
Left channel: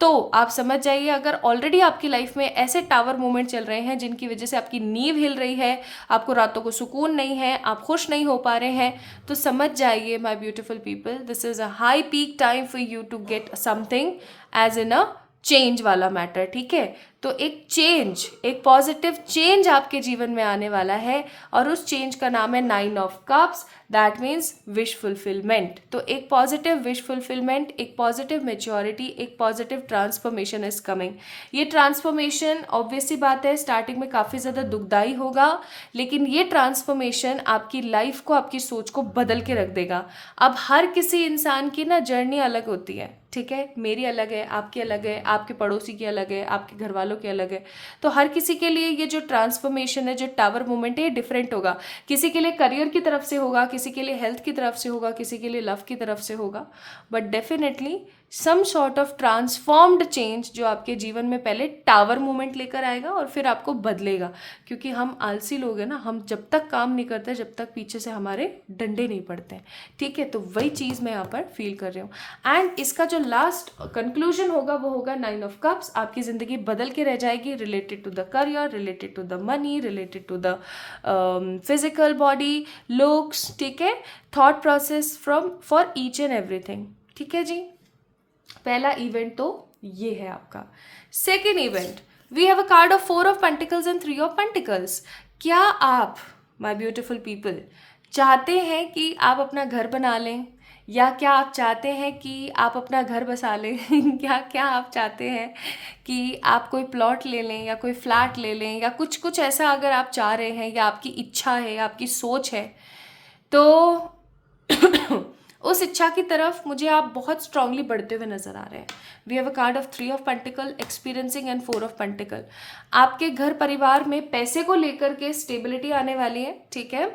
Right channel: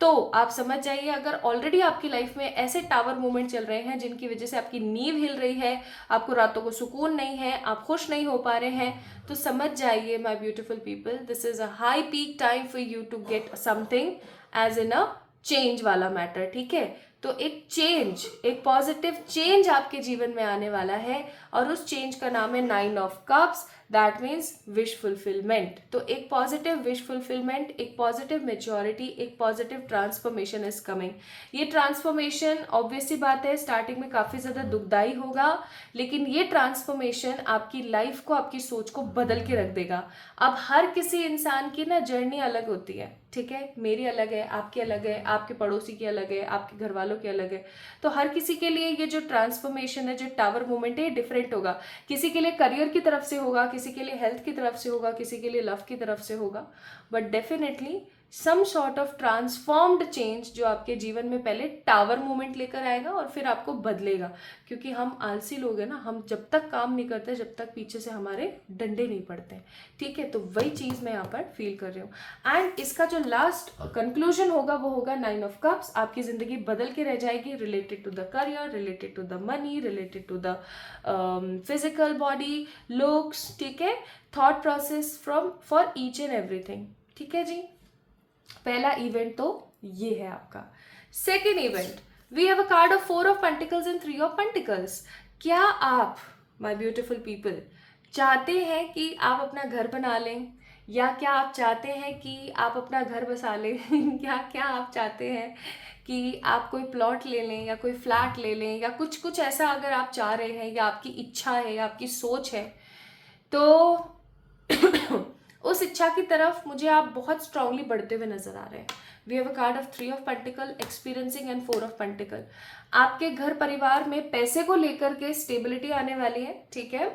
तो आप समझ जाइए, अगर ऑलरेडी आपकी लाइफ में ऐसे टावर मोमेंट चल रहे हैं जिनकी वजह से आपकी नींव हिल रही है, आपको रातों को सुकून नहीं है, आप खुश नहीं हो पा रहे हैं, तो समझ जाइए my beautiful people, this is a high peak time for you to get something as in a change वाला मैटर, ठीक है। तो एक चेंज, एक पॉजिटिव चेंज आपके जीवन में आने वाला है, और उस चेंज का नाम है 9 of cups, that means wish fulfilment. तो एक पॉजिटिव विश फुलफिलमेंट, एक पॉजिटिव मेच्योरिटी, एक पॉजिटिव ट्रांसफॉर्मेशन इज कमिंग। ये ट्रांसफॉर्मेशन ऑब्वियस सी बात है स्टार्टिंग में काफ़ी ज़्यादा दुखदाई होगा, लेकिन ये ट्रांसफॉर्मेशन आपकी लाइफ को, आपकी सोच को बदल के रख देगा। अब हर किसी इंसान की ना जर्नी अलग होती है, ठीक है। मेरी अलग है, आपकी अलग है, आपके पड़ोसी की अलग है, आपके घर वालों की अलग है। तो हर किसी के लिए ये जो ट्रांसफॉर्मेशन है, जो टावर मूवमेंट है, ये डिफरेंट होगा। किसी के लिए करियर की तरफ से होगा, किसी के लिए हेल्थ की तरफ से होगा, किसी के लिए लव की तरफ से होगा, but definitely some sort of transformed change जो आपके जीवन में पहले टावर मूवमेंट लेकर आएगा और फिर आपको बदलेगा। क्योंकि हम आलसी लोग हैं ना, हम जब तक काम नहीं करते, जब तक पीछे से हमारे डंडे नहीं पड़ते हैं, ठीक है। तो वही चीज़ मैं यहाँ पर फील कर रही हूँ, एंड इसका जो लास्ट कंक्लूजन होगा वो होगा 9 ऑफ कप्स। आपकी ज़िंदगी बदल के रह जाएगी, related to the career, related to the money, related to the physical body, looks, ठीक है, thought process from for each and everything, ठीक है जी। पहला इवेंट तो ये है आपका। Second event, we have a card of 4 of pentacles and 3 of pentacles. क्या आप, माय ब्यूटीफुल पीपल, चाहते हैं कि आप अपना घर बना लें, या क्या आप चाहते हैं कि आप अपना घर बसा लें क्या क्या आप चाहते हैं कि आप कोई प्लॉट ले लें, या कोई फ्लैट ले लें, या कुछ कुछ ऐसा अगर आप चाह रहे हैं, या आपकी इच्छा है, आपकी सोच है, तो उस इच्छा की तरफ मुझे आप बहुत स्ट्रांगली बढ़ते हुए नजर आ रहे हैं। We have a card of 3 of pentacle, experiencing, and 4 of pentacle. आपके घर परिवार में पैसे को लेकर के स्टेबिलिटी आने वाली है, ठीक है।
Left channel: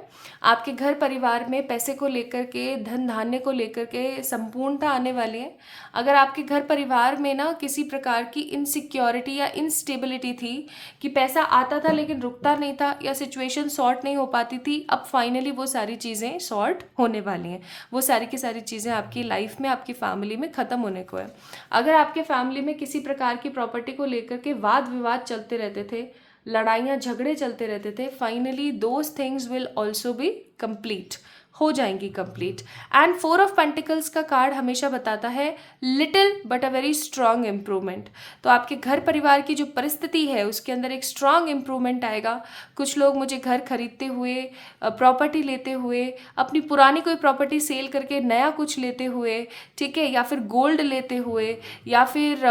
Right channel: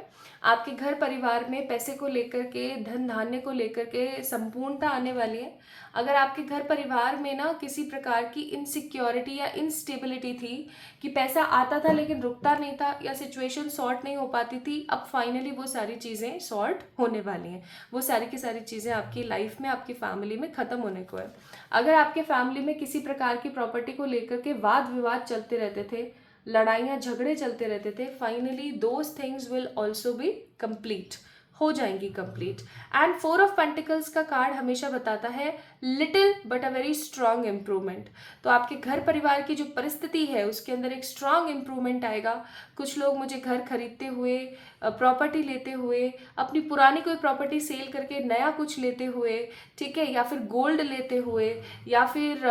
आपके घर परिवार में पैसे को लेकर के, धन धान्य को लेकर के संपूर्णता आने वाली है। अगर आपके घर परिवार में ना किसी प्रकार की इनसिक्योरिटी या इनस्टेबिलिटी थी, कि पैसा आता था लेकिन रुकता नहीं था, या सिचुएशन सॉर्ट नहीं हो पाती थी, अब फाइनली वो सारी चीज़ें सॉर्ट होने वाली हैं। वो सारी की सारी चीज़ें आपकी लाइफ में, आपकी फैमिली में ख़त्म होने को है। अगर आपके फैमिली में किसी प्रकार की प्रॉपर्टी को लेकर के वाद विवाद चलते रहते थे, लड़ाइयाँ झगड़े चलते रहते थे, finally those things will also be complete, हो जाएंगी कंप्लीट। एंड 4 ऑफ पेंटिकल्स का कार्ड हमेशा बताता है little but a very strong improvement. तो आपके घर परिवार की जो परिस्थिति है उसके अंदर एक स्ट्रांग इम्प्रूवमेंट आएगा। कुछ लोग मुझे घर खरीदते हुए, प्रॉपर्टी लेते हुए, अपनी पुरानी कोई प्रॉपर्टी सेल करके नया कुछ लेते हुए, ठीक है, या फिर गोल्ड लेते हुए, या फिर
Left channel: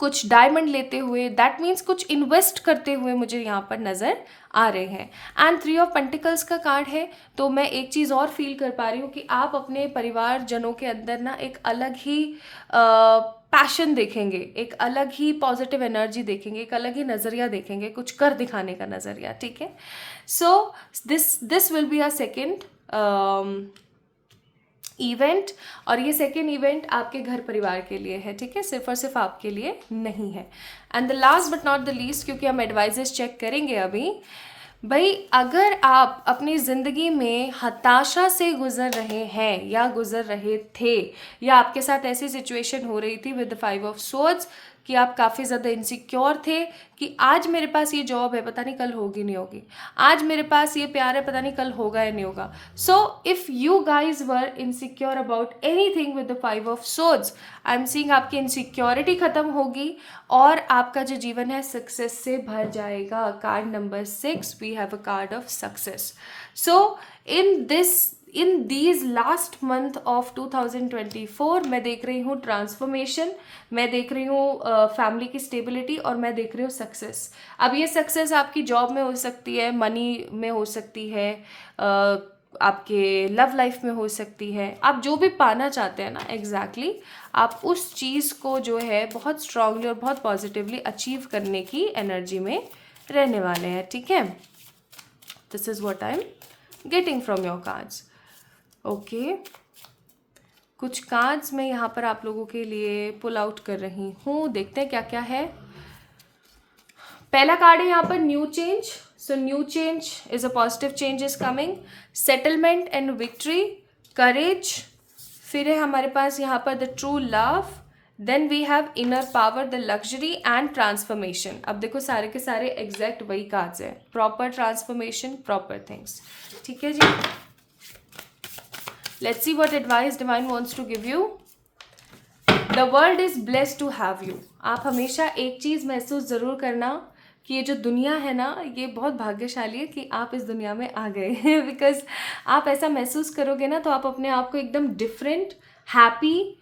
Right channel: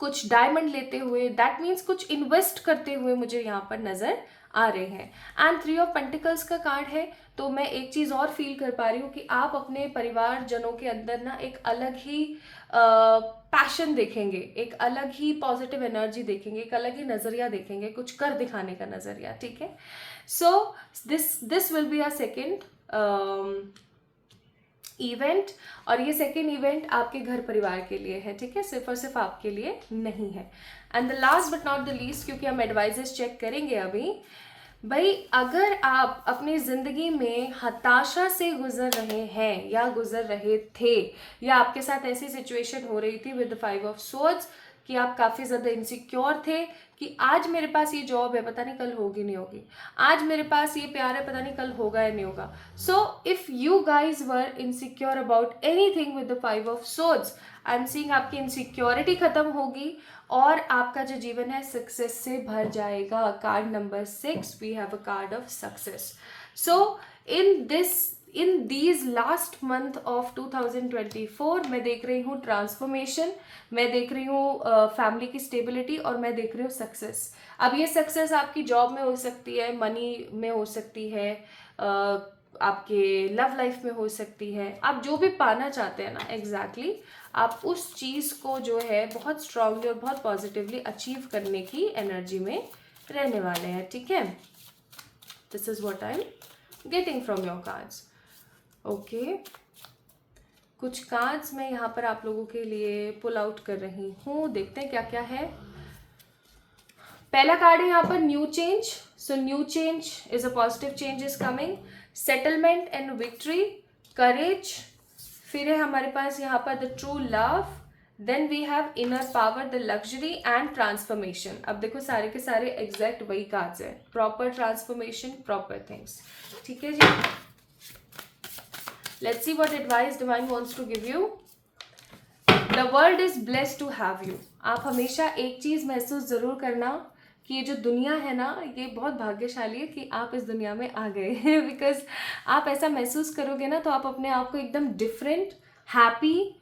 कुछ डायमंड लेते हुए, दैट मीन्स कुछ इन्वेस्ट करते हुए मुझे यहाँ पर नज़र आ रहे हैं। एंड 3 ऑफ पेंटिकल्स का कार्ड है, तो मैं एक चीज़ और फील कर पा रही हूँ कि आप अपने परिवारजनों के अंदर ना एक अलग ही पैशन देखेंगे, एक अलग ही पॉजिटिव एनर्जी देखेंगे, एक अलग ही नज़रिया देखेंगे, कुछ कर दिखाने का नज़रिया, ठीक है। So this will be a second event, और ये सेकेंड इवेंट आपके घर परिवार के लिए है, ठीक है, सिर्फ और सिर्फ आपके लिए नहीं है। And the last but not the least, क्योंकि हम एडवाइजेस चेक करेंगे अभी, भाई अगर आप अपनी ज़िंदगी में हताशा से गुजर रहे हैं या गुजर रहे थे, या आपके साथ ऐसी सिचुएशन हो रही थी विद द 5 ऑफ सोर्ड्स कि आप काफ़ी ज़्यादा इनसिक्योर थे कि आज मेरे पास ये जॉब है, पता नहीं कल होगी नहीं होगी, आज मेरे पास ये प्यार है, पता नहीं कल होगा या नहीं होगा। So if you guys were insecure about any thing with the 5 of swords, I am seeing आपकी इनसिक्योरिटी ख़त्म होगी और आपका जो जीवन है सक्सेस से भर जाएगा। Card number 6, we have a card of success. So in these last month of 2024 मैं देख रही हूँ ट्रांसफॉर्मेशन, मैं देख रही हूँ फैमिली की स्टेबिलिटी, और मैं देख रही हूँ सक्सेस। अब ये सक्सेस आपकी जॉब में हो सकती है, मनी में हो सकती है, आपके लव लाइफ में हो सकती है, आप जो भी पाना चाहते हैं ना एग्जैक्टली आप उस चीज़ को जो है बहुत स्ट्रांगली और बहुत पॉजिटिवली अचीव करने की एनर्जी में रहने वाले हैं, ठीक है। This is what I am getting from your cards. Okay, कुछ कार्ड्स मैं यहाँ पर आप लोगों के लिए पुल आउट कर रही हूँ, देखते हैं क्या क्या है। पहला कार्ड है यहाँ पर new change. So new change is a positive change is coming, settlement and victory, courage, फिर है हमारे पास यहाँ पर the true love, then we have inner power, the luxury and transformation. अब देखो सारे के सारे एग्जैक्ट वही कार्ड्स हैं, प्रॉपर ट्रांसफॉर्मेशन, प्रॉपर थिंग्स, ठीक है जी। Let's see what advice divine wants to give you. The world is blessed to have you. आप हमेशा एक चीज़ महसूस ज़रूर करना कि ये जो दुनिया है ना, ये बहुत भाग्यशाली है कि आप इस दुनिया में आ गए हैं। बिकॉज आप ऐसा महसूस करोगे ना तो आप अपने आप को एकदम डिफरेंट, हैप्पी,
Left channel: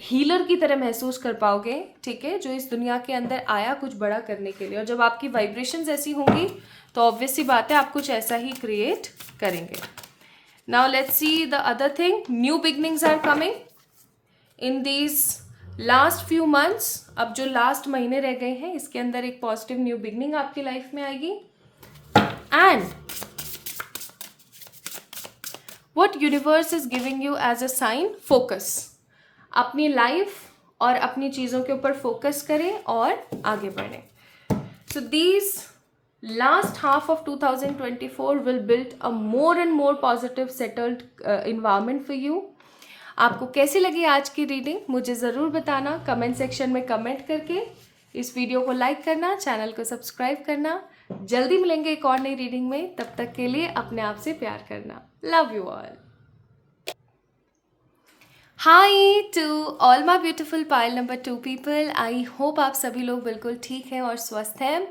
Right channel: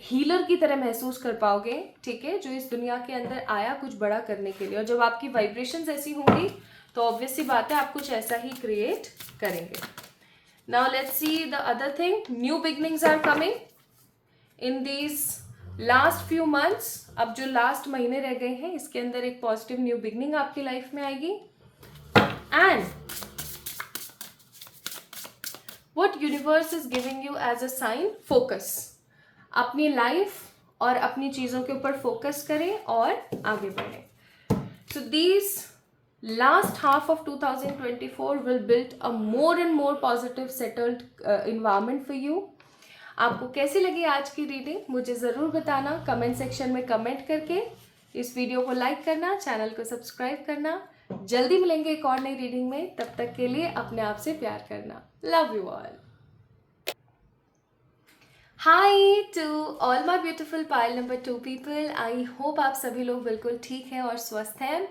हीलर की तरह महसूस कर पाओगे, ठीक है, जो इस दुनिया के अंदर आया कुछ बड़ा करने के लिए। और जब आपकी वाइब्रेशंस ऐसी होंगी तो ऑब्वियस सी बात है आप कुछ ऐसा ही क्रिएट करेंगे। Now let's see the other thing, new beginnings are coming in these last few months. अब जो लास्ट महीने रह गए हैं इसके अंदर एक पॉजिटिव न्यू बिगनिंग आपकी लाइफ में आएगी। And what universe is giving you as a sign, focus. अपनी लाइफ और अपनी चीज़ों के ऊपर फोकस करें और आगे बढ़ें। So these last half of 2024 will build a more and more positive settled environment for you। आपको कैसी लगी आज की रीडिंग मुझे ज़रूर बताना कमेंट सेक्शन में कमेंट करके। इस वीडियो को लाइक करना, चैनल को सब्सक्राइब करना। जल्दी मिलेंगे एक और नई रीडिंग में, तब तक के लिए अपने आप से प्यार करना। Love you all. Hi to all my beautiful pile number 2 people, I hope आप सभी लोग बिल्कुल ठीक हैं और स्वस्थ हैं।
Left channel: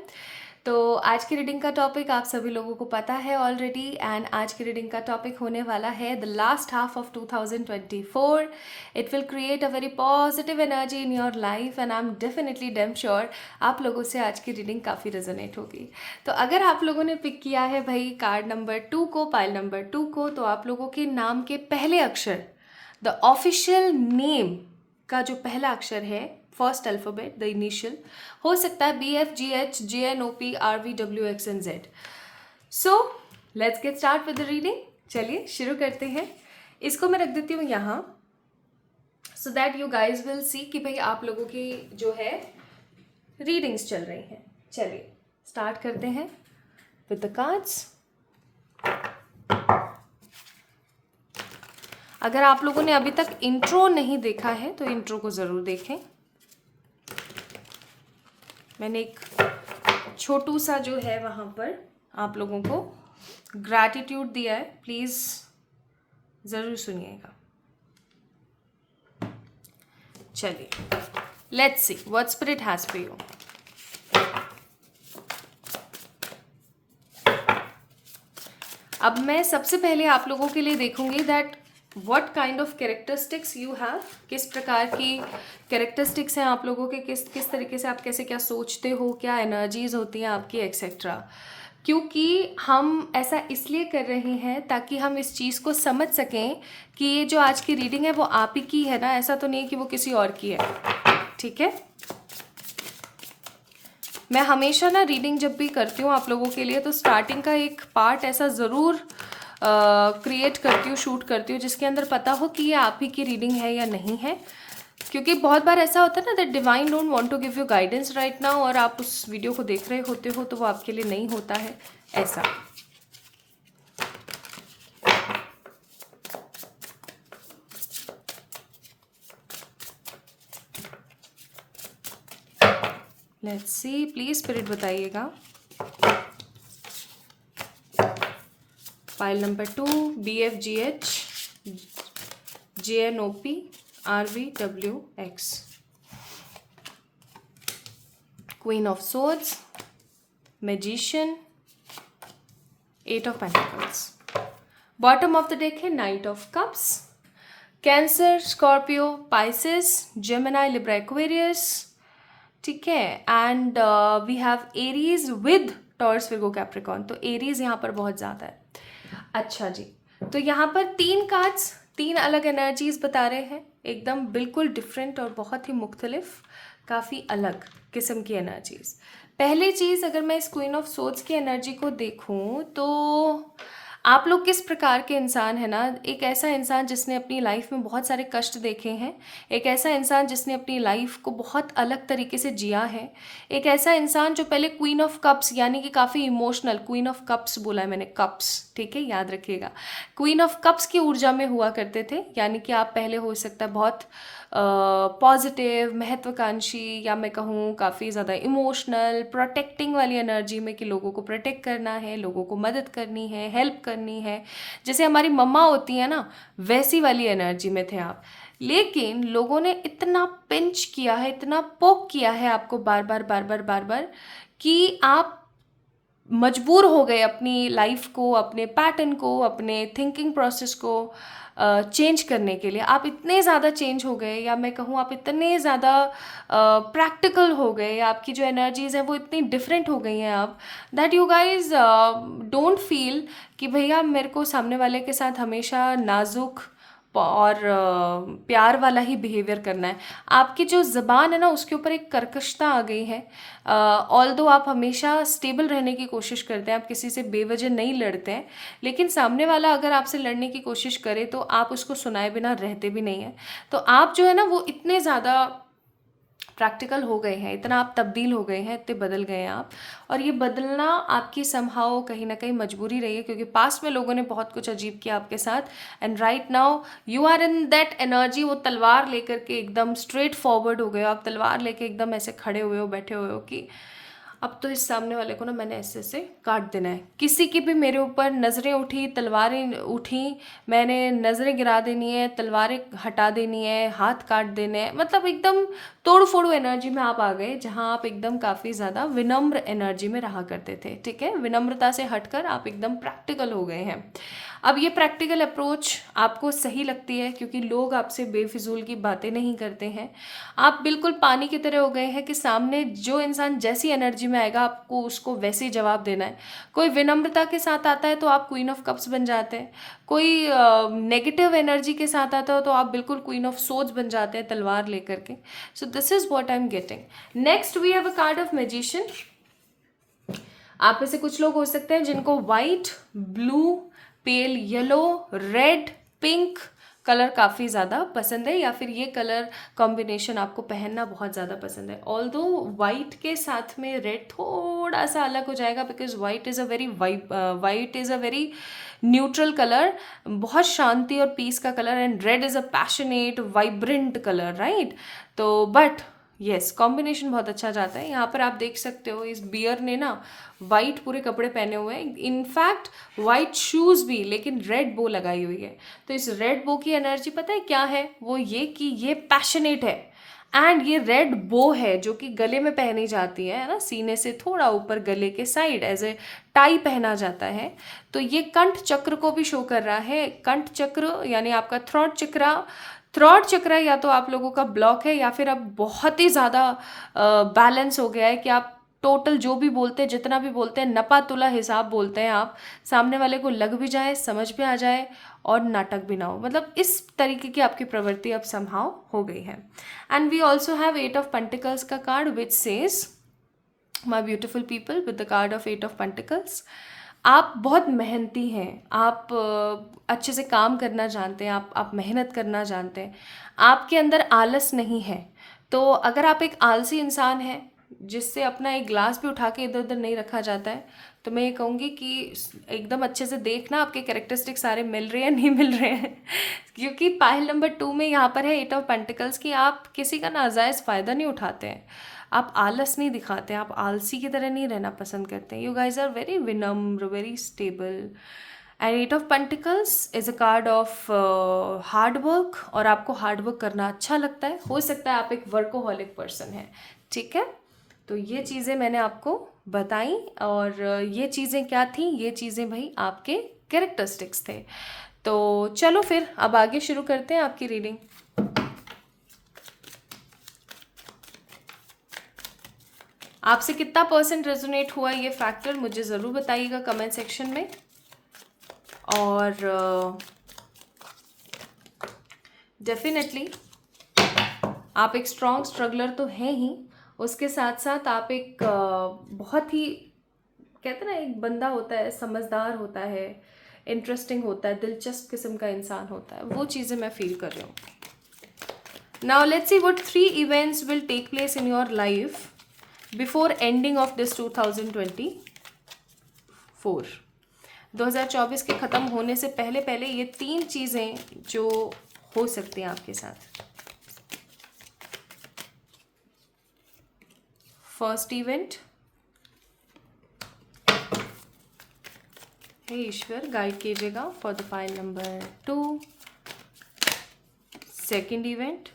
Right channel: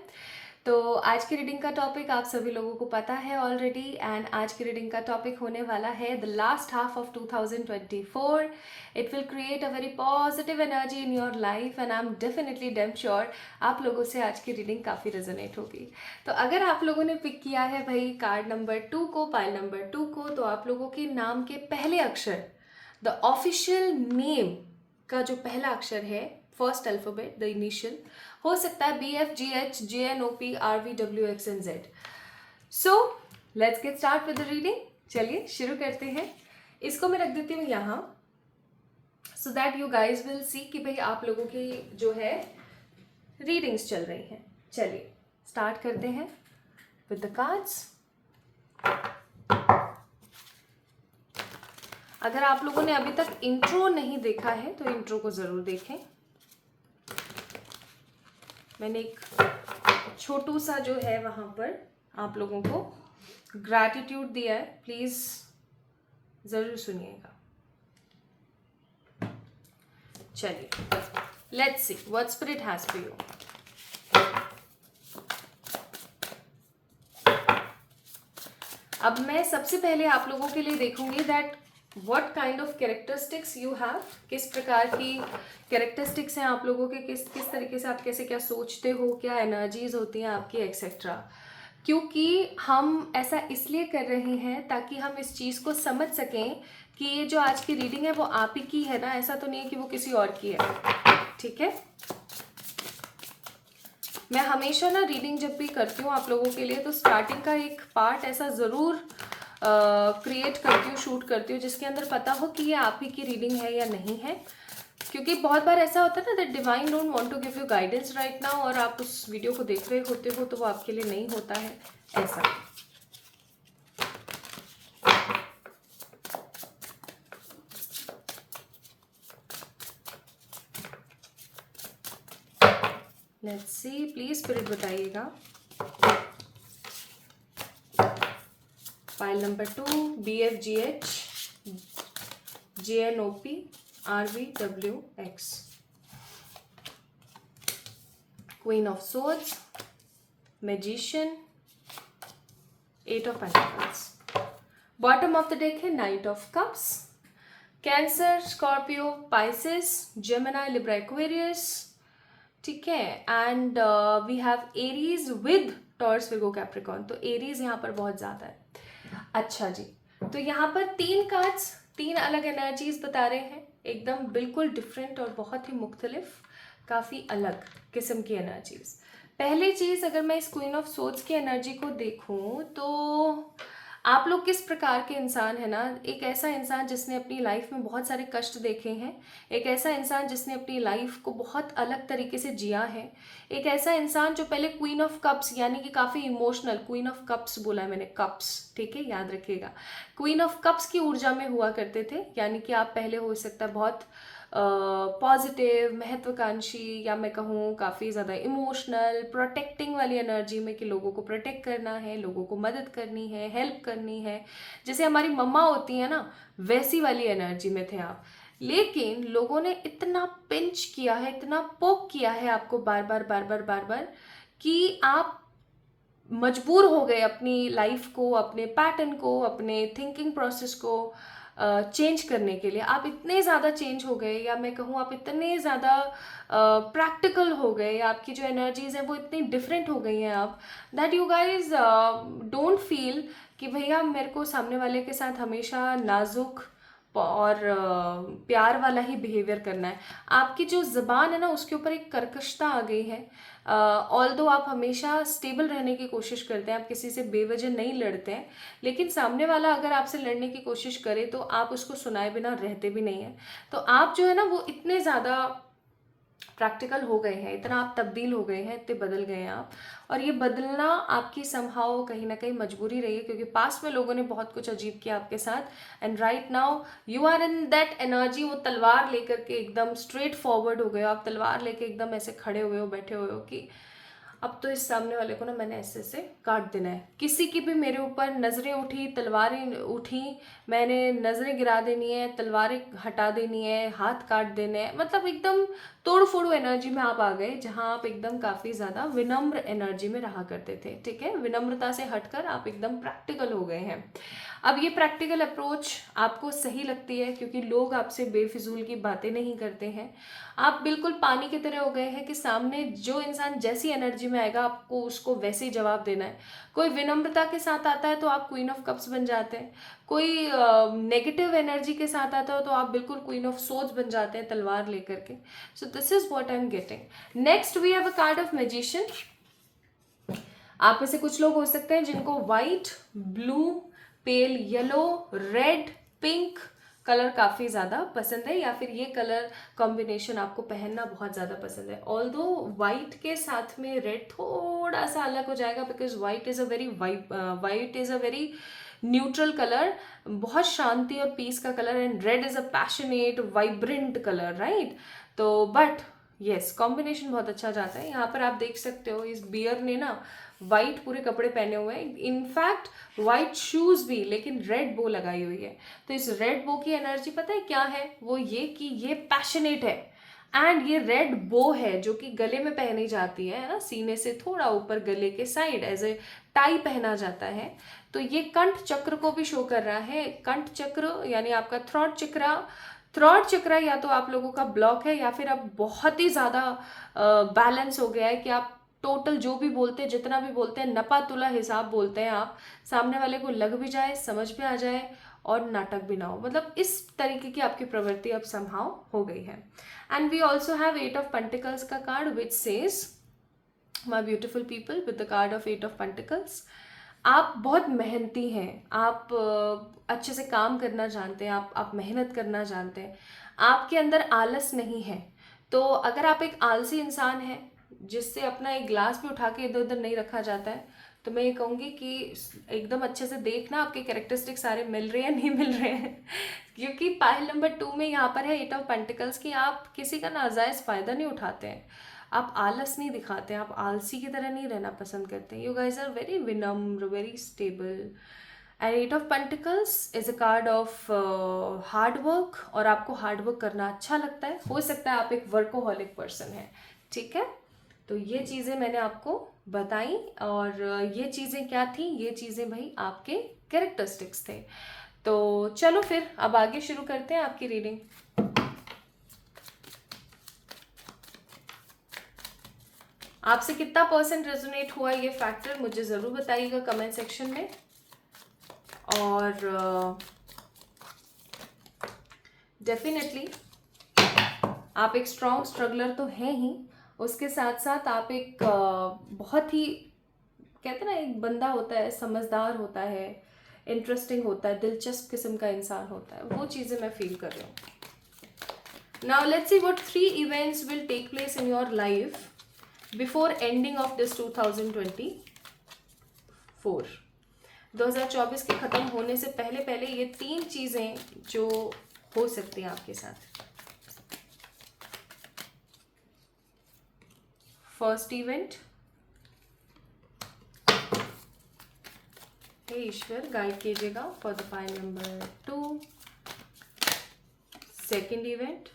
तो आज की रीडिंग का टॉपिक आप सभी लोगों को पता है ऑलरेडी, एंड आज की रीडिंग का टॉपिक होने वाला है the last half of 2024। It will create a very positive energy in your life and I am definitely damn sure आप लोगों से आज की रीडिंग काफ़ी रेजोनेट होगी। तो अगर आप लोगों ने पिक किया है भाई कार्ड नंबर 2 को, पाइल नंबर 2 को, तो आप लोगों के नाम के पहले अक्षर, द ऑफिशियल नेम का जो पहला अक्षर है, फर्स्ट अल्फ़ाबेट, द इनिशियल, हो सकता है BF, GH, JNOP, RV, WX and Z। So let's get start with the reading. चलिए शुरू करते हैं। इसको मैं रख देती हूँ यहाँ, so that you guys will see कि भाई आप लोगों की जो है रीडिंग्स चल रही हैं। चलिए स्टार्ट करते हैं विद द कार्ड्स। अगर आप लोगों ने अभी तक इंट्रो नहीं देखा है तो इंट्रो को ज़रूर देखें। मैंने एक छोटू सा जो है वहाँ पर आप लोगों को ग्रैटिट्यूड दिया है, प्लीज़ ज़रूर सुनिएगा। चलिए let's see what spirit has for you. अब मैं सबसे पहले आप लोगों के लिए देखूंगी that what kind of characteristics you have, किस प्रकार की कैरेक्टरिस्टिक्स हैं आप लोगों के, किस किस तरीके से आप कैसे क्या सोचते हो, क्या एनर्जीज होती हैं आपकी, एक्सेट्रा। क्योंकि हम ऐसा इसलिए कर रहे हैं ताकि हम इस चीज़ को समझ सकें कि ये जो आज की रीडिंग है वो आप ही की है ना, ऐसा तो नहीं है कि वो किसी और की है। ठीक है, मैं हमेशा ना रीडिंग जब भी करती हूँ आप लोगों के लिए तो स्टार्टिंग का एक पार्ट ऐसा ज़रूर क्रिएट करती हूँ, शूट करती हूँ, जिसके अंदर पता हो कि ये आप ही की रीडिंग है या नहीं है। क्योंकि बहुत बार ऐसा होता है ना, that divine don't want to give you guidance right now, और आप उस वीडियो को देख रहे होते हो तो वो आपके लिए नहीं होता है ऐसा। लेट्स सी, प्लीज स्पिरिट बताइएगा। File number 2, BFGH JNOP RVWX, Queen of Swords, Magician, 8 of Pentacles। Bottom of the deck है Knight of Cups, Cancer, Scorpio, Pisces, Gemini, Libra, Aquarius. ठीक है, and we have Aries with Taurus, Virgo, Capricorn. तो Aries यहाँ पर बहुत ज़्यादा है। अच्छा जी, तो यहाँ पर 3 कार्ड्स 3 अलग एनर्जीज बता रहे हैं, एकदम बिल्कुल डिफरेंट और बहुत ही मुख्तलिफ, काफ़ी अलग किस्म की एनर्जीज। पहली चीज़, अगर मैं इस क्वीन ऑफ सोर्ड्स की एनर्जी को देखूँ तो आप लोग किस प्रकार के इंसान है ना, एक ऐसा इंसान जिसने अपनी लाइफ में बहुत सारे कष्ट देखे हैं, एक ऐसा इंसान जिसने अपनी लाइफ को बहुत अलग तरीके से जिया है, एक ऐसा इंसान जो पहले क्वीन ऑफ कप्स यानी कि काफ़ी इमोशनल, क्वीन ऑफ कप्स बोला है मैंने, कप्स, ठीक है, याद रखिएगा, क्वीन ऑफ कप्स की ऊर्जा में हुआ करते थे। यानी कि आप पहले हो सकता है बहुत पॉजिटिव, महत्वाकांक्षी, या मैं कहूँ काफ़ी ज़्यादा इमोशनल, प्रोटेक्टिंग वाली एनर्जी में, कि लोगों को प्रोटेक्ट करना है, लोगों को मदद करनी है, हेल्प करनी है, जैसे हमारी मम्मा होती हैं ना, वैसी वाली एनर्जी में थे आप। लेकिन लोगों ने इतना पिंच किया है, इतना पोक किया है आपको बार बार बार बार बार बार, कि आप मजबूर हो गए अपनी लाइफ को, अपने पैटर्न को, अपने थिंकिंग प्रोसेस को चेंज करने के लिए। आप इतने ज़्यादा चेंज हो गए, या मैं कहूँ आप इतने ज़्यादा प्रैक्टिकल हो गए, आपकी जो एनर्जीज हैं वो इतनी डिफरेंट हो गई हैं आप, that you guys don't feel कि भैया मेरे को सामने वाले के साथ हमेशा नाजुक और प्यार वाला ही बिहेवियर करना है। आपकी जो ज़बान है ना उसके ऊपर एक कर्कशता आ गई है। ऑल्दो आप हमेशा स्टेबल रहने की कोशिश करते हैं, आप किसी से बेवजह नहीं लड़ते हैं, लेकिन सामने वाला अगर आपसे लड़ने की कोशिश करे तो आप उसको सुनाए बिना रहते भी नहीं हैं। तो आप जो है ना वो इतने ज़्यादा प्रैक्टिकल हो गए हैं, इतना आप तब्दील हो गए हैं, इतने बदल गए हैं आप, और ये बदलना आपकी समहाउ कहीं ना कहीं मजबूरी रही है, क्योंकि पास्ट में लोगों ने बहुत कुछ अजीब किया आपके साथ, and right now you are in that energy. वो तलवार लेकर के एकदम स्ट्रेट फॉरवर्ड हो गए, आप तलवार लेके एकदम ऐसे खड़े हुए हो, बैठे हुए हो कि अब तो इस सामने वाले को ना मैंने ऐसे ऐसे काट देना है। किसी की भी मेरे ऊपर नज़रें उठी, तलवारें उठी, मैंने नज़रें गिरा देनी है, तलवारें हटा देनी है, हाथ काट देने हैं, मतलब एकदम तोड़ फोड़ो एनर्जी में आप आ गए, जहाँ आप एकदम काफ़ी ज़्यादा विनम्र एनर्जी में रहा करते थे। ठीक है, विनम्रता से हटकर आप एकदम प्रैक्टिकल हो गए हैं। अब ये प्रैक्टिकल अप्रोच आपको सही लगती है, क्योंकि लोग आपसे बेफिजूल की बातें नहीं करते हैं। आप बिल्कुल पानी की तरह हो गए हैं कि सामने जो इंसान जैसी एनर्जी में आएगा आपको उसको वैसे ही जवाब देना है। कोई विनम्रता के साथ आता है तो आप क्वीन ऑफ कप्स बन जाते हैं, कोई नेगेटिव एनर्जी के साथ आता हो तो आप बिल्कुल क्वीन ऑफ सोर्ड्स बन जाते हैं, तलवार लेकर के। So this is what I am getting. Next we have a card of Magician. आप में से कुछ लोग हो सकते हैं जिनको white, blue, pale yellow, red, pink colour काफ़ी ज़्यादा पसंद है, या फिर ये कलर कॉम्बिनेशन आपको पहनना बहुत ज़्यादा पसंद है। ऑल्दो वाइट के साथ में रेड थोड़ा सा अलग हो जाएगा, because white is a very neutral colour, बहुत शांति और पीस का colour, and red is a passionate vibrant colour, right. तो बट यस, कॉम्बिनेशन बहुत अच्छा जाता है। यहाँ पर आप देख सकते हो इस बियर ने ना वाइट पूरे कपड़े पहने हुए हैं, इनफैक्ट वाइट शूज़ भी, लेकिन रेड बो लगाई हुई है। तो इस रेड बो की एनर्जी पता है क्या है, वो ये कि ये पैशनेट है, एंड ये रेड बो है जो कि गले में पहनी जाती है ना, सीने से थोड़ा ऊपर गले के साइड एज ए टाई पहना जाता है। तो ये कंठ चक्र को भी शो कर रहा है। कंठ चक्र यानी आपका थ्रॉट चक्र या तो आप लोगों का ब्लॉक है या फिर अब बहुत ही ज़्यादा बैलेंस हो गया है कि आप टोटल जो भी बोलते हैं, जितना भी बोलते हैं, नपा तुला हिसाब बोलते हैं आप, सामने वाले को लग भी जाए, समझ भी आ जाए और नाटक भी ना हो। मतलब इस तरीके की आपकी प्रवृत्ति अब समहाउ हो गई है। And we also have 8 of Pentacles का card which says my beautiful people with the card of 8 of Pentacles। आप बहुत मेहनती हैं, आप अच्छे से काम करना जानते हैं, आप मेहनत करना जानते हैं, आपके अंदर आलस नहीं है। तो अगर आप एक आलसी इंसान हैं जिससे अपना एक ग्लास भी उठा के इधर उधर नहीं रखा जाता है, तो मैं ये कहूँगी कि एकदम अच्छे से देखना आपके कैरेक्टरिस्टिक सारे मिल रहे हैं नहीं मिल रहे हैं क्योंकि पाइल नंबर 2 में यहाँ पर है 8 of Pentacles की आप किसी का नाजायज़ फ़ायदा नहीं उठाते हैं, आप आलस नहीं दिखाते, आप आलसी की तरह नहीं रहना पसंद करते हैं। यू गाइज आर वेरी विनम्र, very stable. And 8 of Pentacles is a card of hard work, और आपको हार्ड वर्क करना अच्छा लगता है। हो सकता है आप एक वर्कोहॉलिक पर्सन हैं, ठीक है। तो ये चीज़ें मैंने आपको बताई, और ये चीज़ें क्या थी, ये चीज़ें भाई आपके कैरेक्टरिस्टिक्स थे। तो चलो फिर अब आगे शुरू करते हैं आपकी रीडिंग। आपसे कितना % रेजोनेट हुआ ये फैक्टर मुझे ज़रूर बताइएगा कमेंट सेक्शन में। और डेफिनेटली आप एक स्ट्रॉन्ग स्ट्रगलर तो हैं ही, उसके साथ साथ आप एक बहुत ही, कहते हैं ना, एक बंदा होता है, समझदार होता है, इंटरेस्टिंग होता है, दिलचस्प किस्म का इंसान होता है, वो चीज़ें मैं फील कर रही हूँ। Now let's see what 3 events will take place in your life before ending of this 2024 के ख़त्म होने से पहले पहले ये 3 चीज़ें जो हो सकती हैं आपके साथ। फर्स्ट इवेंट, हे ईश्वर गाइड कीजिएगा for the pile number 2। Second event,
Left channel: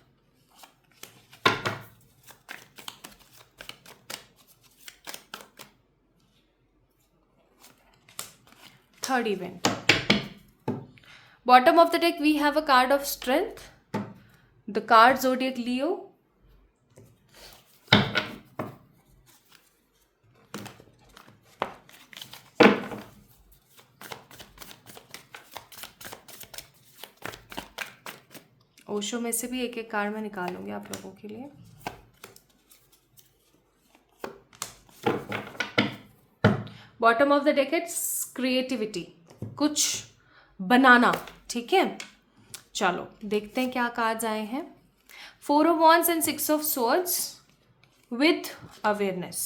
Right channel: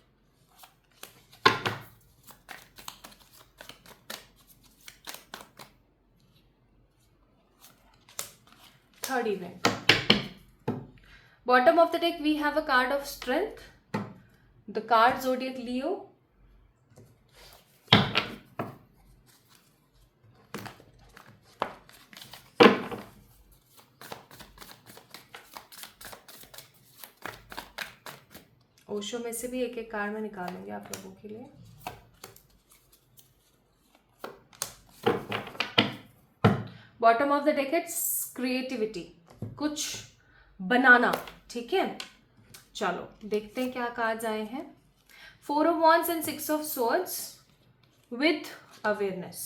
third event. Bottom of the deck we have a card of strength, the card zodiac Leo, Osho में से भी एक एक कार्ड में निकालूंगी आप लोगों के लिए। Bottom of the deck it's creativity, कुछ बनाना, ठीक है। चलो देखते हैं क्या कार्ड्स आए हैं। 4 of Wands and 6 of Swords with awareness.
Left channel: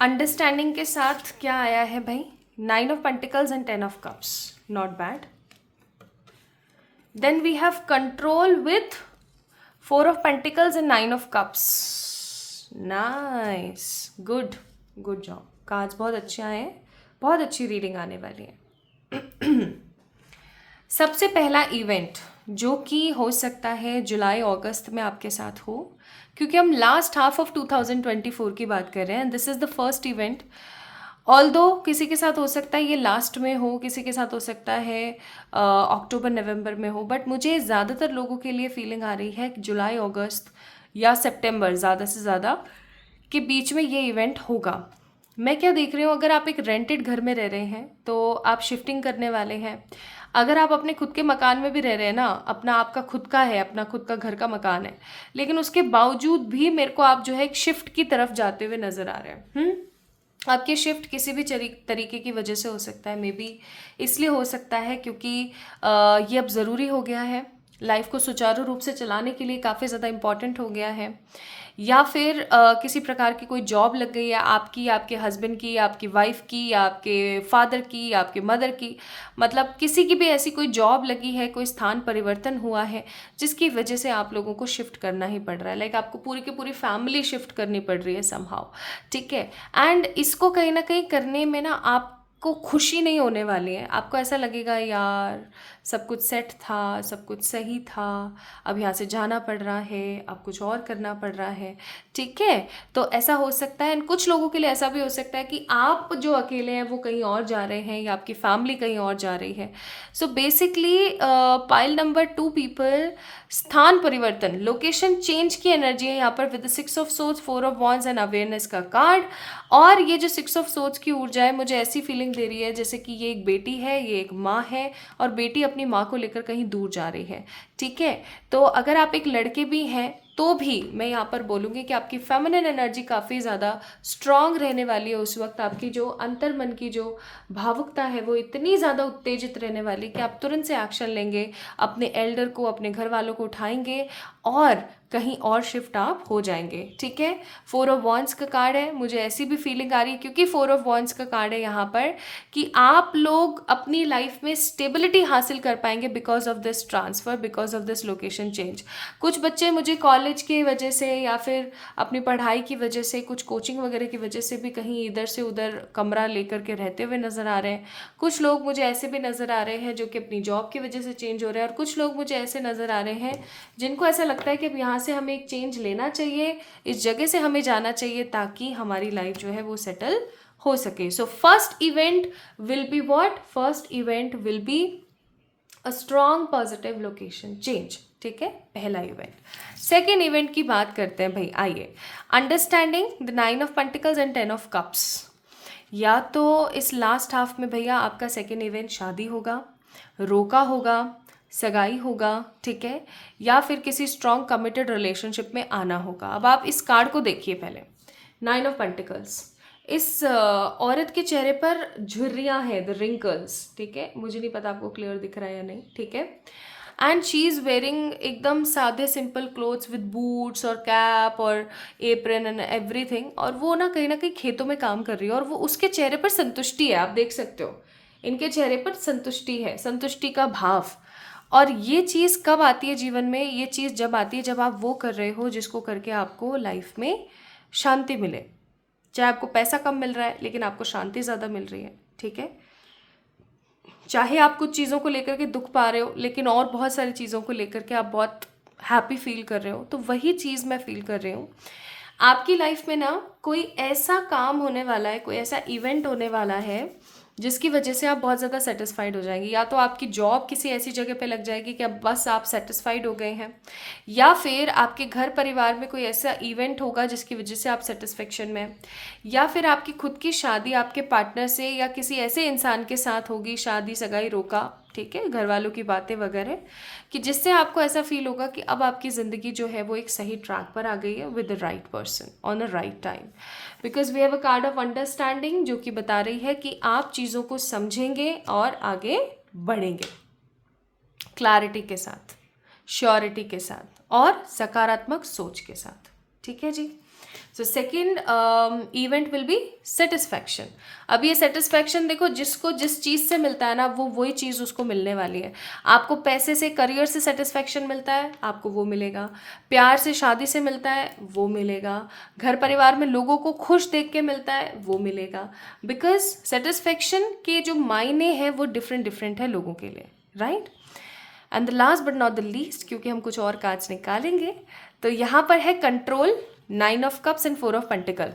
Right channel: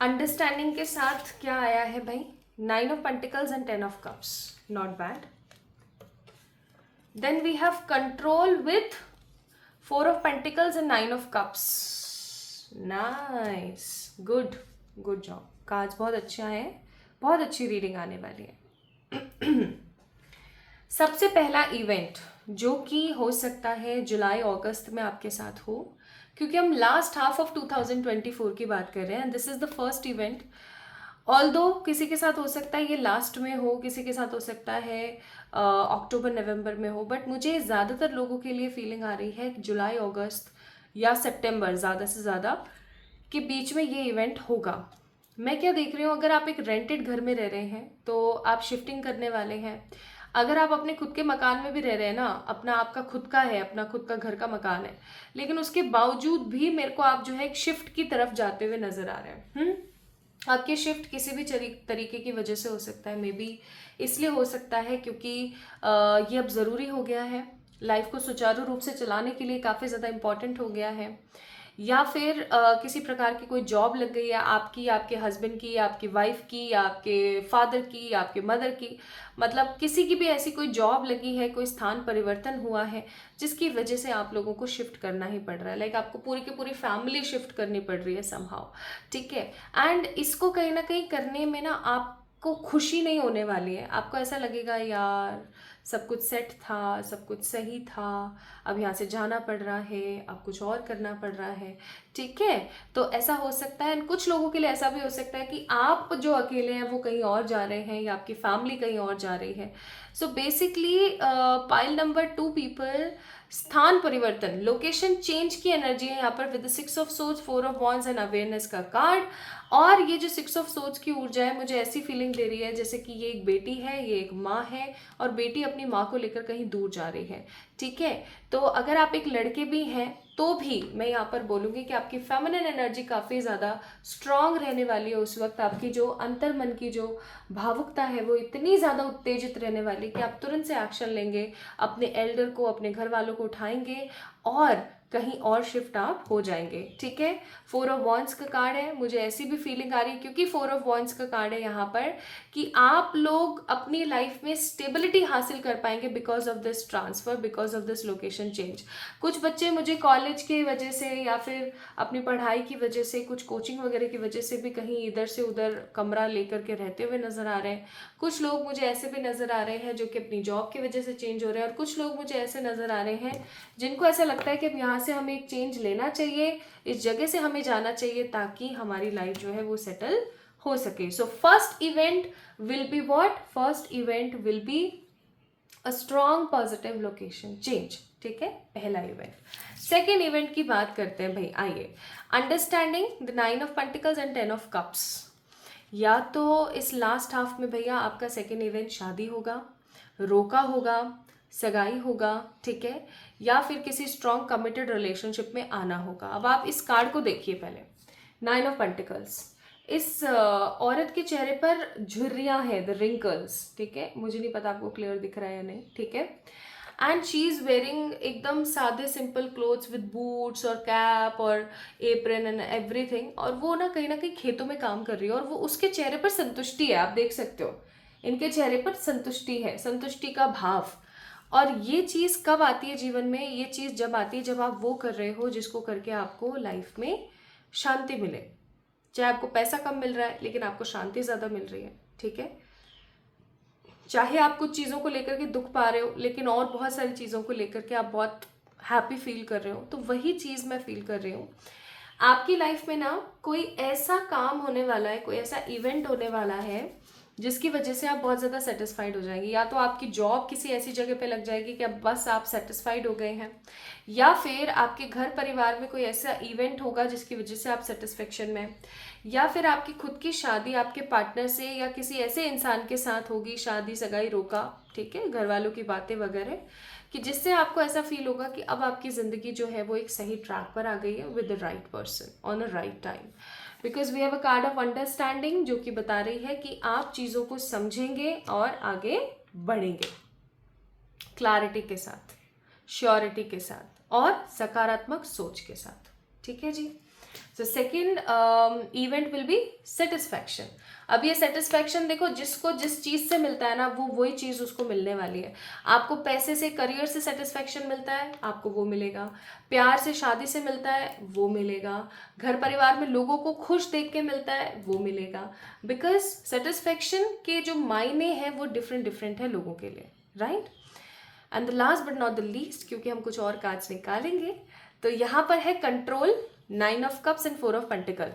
Understanding के साथ क्या आया है भाई, 9 of Pentacles and 10 of Cups, not bad. Then we have control with 4 of Pentacles and 9 of Cups. Nice, good job. Cards बहुत अच्छे आए हैं, बहुत अच्छी रीडिंग आने वाली है। सबसे पहला इवेंट जो कि हो सकता है जुलाई अगस्त में आपके साथ हो, क्योंकि हम लास्ट हाफ ऑफ 2024 की बात कर रहे हैं। This is the first event. Although किसी के साथ हो सकता है ये लास्ट में हो, किसी के साथ हो सकता है अक्टूबर नवंबर में हो, बट मुझे ज़्यादातर लोगों के लिए फीलिंग आ रही है कि जुलाई अगस्त या सितंबर ज़्यादा से ज़्यादा के बीच में ये इवेंट होगा। मैं क्या देख रही हूँ, अगर आप एक रेंटेड घर में रह रहे हैं तो आप शिफ्टिंग करने वाले हैं। अगर आप अपने खुद के मकान में भी रह रहे हैं ना, अपना आपका खुद का है, अपना खुद का घर का मकान है, लेकिन उसके बावजूद भी मेरे को आप जो है एक शिफ्ट की तरफ जाते हुए नज़र आ रहे हैं। आपकी शिफ्ट किसी भी तरीके की वजह से हो सकता है, मे बी इसलिए हो सकता है क्योंकि ये अब ज़रूरी हो गया है, लाइफ को सुचारू रूप से चलाने के लिए काफ़ी ज़्यादा इम्पॉर्टेंट हो गया है, या फिर किसी प्रकार की कोई जॉब लग गई है आपकी, आपके हस्बैंड की, आपकी वाइफ की, आपके फादर की, आपके मदर की, मतलब किसी की भी ऐसी कोई जॉब लगी है, कोई स्थान परिवर्तन हुआ है जिसकी वजह से आप लोगों को शिफ्ट करना ही पड़ रहा है। लाइक आपको पूरी की पूरी फैमिली शिफ्ट करनी पड़ रही है समहाउ, ठीक है। एंड इसको कहीं ना कहीं करने में ना आपको खुशी नहीं होने वाली है, आपको ऐसा लगेगा यार सब कुछ सेट था, सब कुछ सही था, अब यहाँ से जाना पड़ रहा है, अब कुछ और करना पड़ रहा है, ठीक है। तो ऐसा हो सकता है। एंड कुछ लोगों के लिए ऐसा भी हो सकता है कि आप जो अकेले हैं वो कहीं और जा रहे हैं या आपकी फैमिली कहीं और जा रही है। So basically pile number 2 people, स्थान परिवर्तन, लोकेशन चेंज की एनर्जी है यहाँ पर with 6 of swords, 4 of wands and awareness का कार्ड। और ये जो 6 ऑफ सोर्ड्स की ऊर्जा है मुझे ऐसी फीलिंग दे रही है जैसे कि ये एक बेटी है, ये एक माँ है, और बेटी अपनी माँ को लेकर कहीं दूर जा रही है, ठीक है। तो अगर आप एक लड़के भी हैं तो भी मैं यहाँ पर बोलूँगी कि आपकी फेमिनिन एनर्जी काफ़ी ज़्यादा स्ट्रांग रहने वाली है उस वक्त। आपकी जो अंतर्मन की जो भावुकता है वो इतनी ज़्यादा उत्तेजित रहने वाली कि आप तुरंत से एक्शन लेंगे, अपने एल्डर को, अपने घर वालों को उठाएंगे और कहीं और शिफ्ट आप हो जाएंगे, ठीक है। 4 ऑफ वॉन्ड्स का कार्ड है, मुझे ऐसी भी फीलिंग आ रही है क्योंकि 4 ऑफ वॉन्ड्स का कार्ड है यहाँ पर कि आप लोग अपनी लाइफ में स्टेबिलिटी हासिल कर पाएंगे because of this transfer, because of this location change. कुछ बच्चे मुझे कॉलेज की वजह से या फिर अपनी पढ़ाई की वजह से, कुछ कोचिंग वगैरह की वजह से भी कहीं इधर से उधर कमरा लेकर के रहते हुए नज़र आ रहे हैं। कुछ लोग मुझे ऐसे भी नज़र आ रहे हैं जो कि अपनी जॉब की वजह से चेंज हो रहे हैं, और कुछ लोग मुझे ऐसे नज़र आ रहे हैं जिनको ऐसा लगता है कि अब यहाँ से हमें एक चेंज लेना चाहिए, इस जगह से हमें जाना चाहिए ताकि हमारी लाइफ जो है वो सेटल हो सके। So first event will be what, first event will be a strong positive location change, ठीक है, पहला इवेंट। सेकेंड इवेंट की बात करते हैं भाई, आइए। Understanding the 9 of pentacles and 10 of cups. या तो इस लास्ट हाफ में भैया आपका सेकेंड इवेंट शादी होगा, रोका होगा, सगाई होगा, ठीक है, या फिर किसी स्ट्रॉन्ग कमिटेड रिलेशनशिप में आना होगा। अब आप इस कार्ड को देखिए पहले, 9 ऑफ पेंटिकल्स। इस औरत के चेहरे पर झुर्रियाँ हैं, द रिंकल्स, ठीक है, मुझे नहीं पता आपको क्लियर दिख रहा है या नहीं, ठीक है। एंड शी इज़ वेयरिंग एकदम सादे सिंपल क्लोथ्स विद बूट्स और कैप और एप्रन एंड एवरीथिंग, और वो ना कहीं खेतों में काम कर रही है, और वो उसके चेहरे पर संतुष्टि है, आप देख सकते हो इनके चेहरे पर संतुष्टि है, संतुष्टि का भाव। और ये चीज़ कब आती है जीवन में, ये चीज़ जब आती है जब आप वो कर रहे हो जिसको करके आपको लाइफ में शांति मिले। चाहे आपको पैसा कम मिल रहा है लेकिन आपको शांति ज़्यादा मिल रही है, ठीक है। चाहे आप कुछ चीज़ों को लेकर के दुख पा रहे हो लेकिन और बहुत सारी चीज़ों को लेकर के आप बहुत हैप्पी फील कर रहे हो, तो वही चीज़ मैं फील कर रही हूँ। आपकी लाइफ में ना कोई ऐसा काम होने वाला है, कोई ऐसा इवेंट होने वाला है जिसकी वजह से आप बहुत ज़्यादा सेटिस्फाइड हो जाएंगे। या तो आपकी जॉब किसी ऐसी जगह पे लग जाएगी कि अब बस आप सेटिस्फाइड हो गए हैं, या फिर आपके घर परिवार में कोई ऐसा इवेंट होगा जिसकी वजह से आप सेटिस्फेक्शन में हैं, या फिर आपकी खुद की शादी आपके पार्टनर से या किसी ऐसे इंसान के साथ होगी, शादी सगाई रोका, ठीक है, घर वालों की बातें वगैरह, कि जिससे आपको ऐसा फील होगा कि अब आपकी ज़िंदगी जो है वो एक सही ट्रैक पर आ गई है with the right person on the right time. Because we have a card of understanding जो कि बता रही है कि आप चीज़ों को समझेंगे और आगे बढ़ेंगे क्लैरिटी के साथ, श्योरिटी के साथ और सकारात्मक सोच के साथ, ठीक है जी। So second event will be satisfaction. अब ये सेटिस्फैक्शन देखो, जिसको जिस चीज़ से मिलता है ना वो वही चीज़ उसको मिलने वाली है। आपको पैसे से, करियर से सेटिस्फैक्शन मिलता है, आपको वो मिलेगा। प्यार से, शादी से मिलता है, वो मिलेगा। घर परिवार में लोगों को खुश देख के मिलता है, वो मिलेगा। बिकॉज सेटिस्फैक्शन के जो मायने हैं वो डिफरेंट डिफरेंट है लोगों के लिए, right. And the last but not the least, क्योंकि हम कुछ और कार्ड्स निकालेंगे, तो यहाँ पर है control, 9 of cups and 4 of pentacle.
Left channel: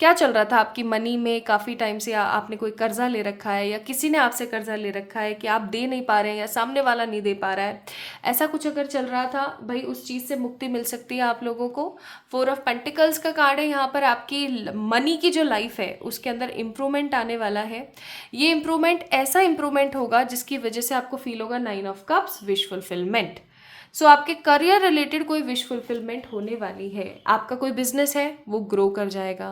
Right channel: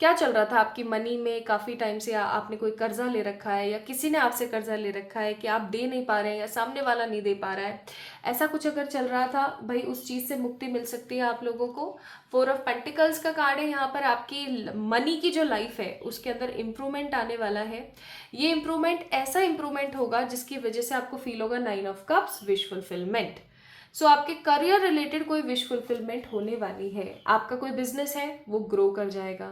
क्या चल रहा था आपकी मनी में, काफ़ी टाइम से आपने कोई कर्जा ले रखा है या किसी ने आपसे कर्जा ले रखा है कि आप दे नहीं पा रहे हैं या सामने वाला नहीं दे पा रहा है, ऐसा कुछ अगर चल रहा था भाई, उस चीज़ से मुक्ति मिल सकती है आप लोगों को। 4 ऑफ पेंटिकल्स का कार्ड है यहाँ पर, आपकी मनी की जो लाइफ है उसके अंदर इम्प्रूवमेंट आने वाला है। ये इम्प्रूवमेंट ऐसा इम्प्रूवमेंट होगा जिसकी वजह से आपको फील होगा 9 ऑफ कप्स, विश फुलफिलमेंट। सो आपके करियर रिलेटेड कोई विश फुलफिलमेंट होने वाली है। आपका कोई बिजनेस है वो ग्रो कर जाएगा,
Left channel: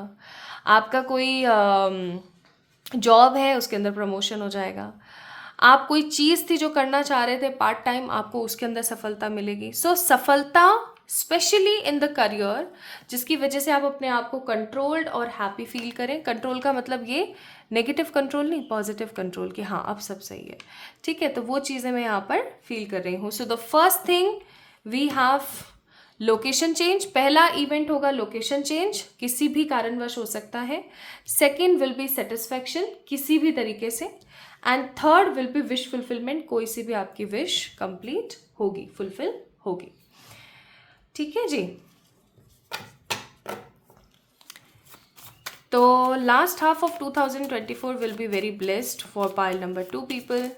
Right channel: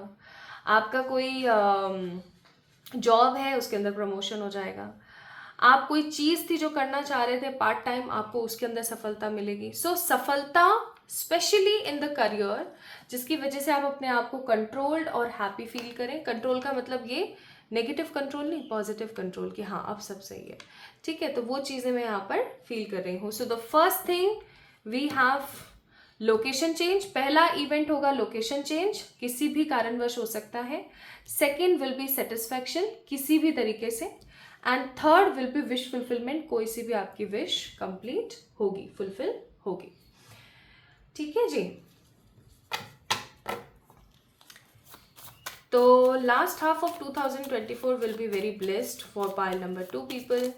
आपका कोई जॉब है उसके अंदर प्रमोशन हो जाएगा, आप कोई चीज़ थी जो करना चाह रहे थे पार्ट टाइम, आपको उसके अंदर सफलता मिलेगी। सो सफलता स्पेशली इन द करियर, जिसकी वजह से आप अपने आप को कंट्रोल्ड और हैप्पी फील करें। कंट्रोल का मतलब ये नेगेटिव कंट्रोल नहीं, पॉजिटिव कंट्रोल, कि हाँ अब सब सही है, ठीक है। तो वो चीज़ें मैं यहाँ पर फील कर रही हूँ। So the first thing we have location change, पहला इवेंट होगा लोकेशन चेंज, किसी भी कारणवश हो सकता है। सेकेंड विल बी सेटिस्फैक्शन, किसी भी तरीके से। And third will be wish fulfilment, कोई सी भी आपकी विश कंप्लीट होगी, फुलफिल होगी। ठीक है जी। तो last half of 2024 will be very blessed for pile number 2 people.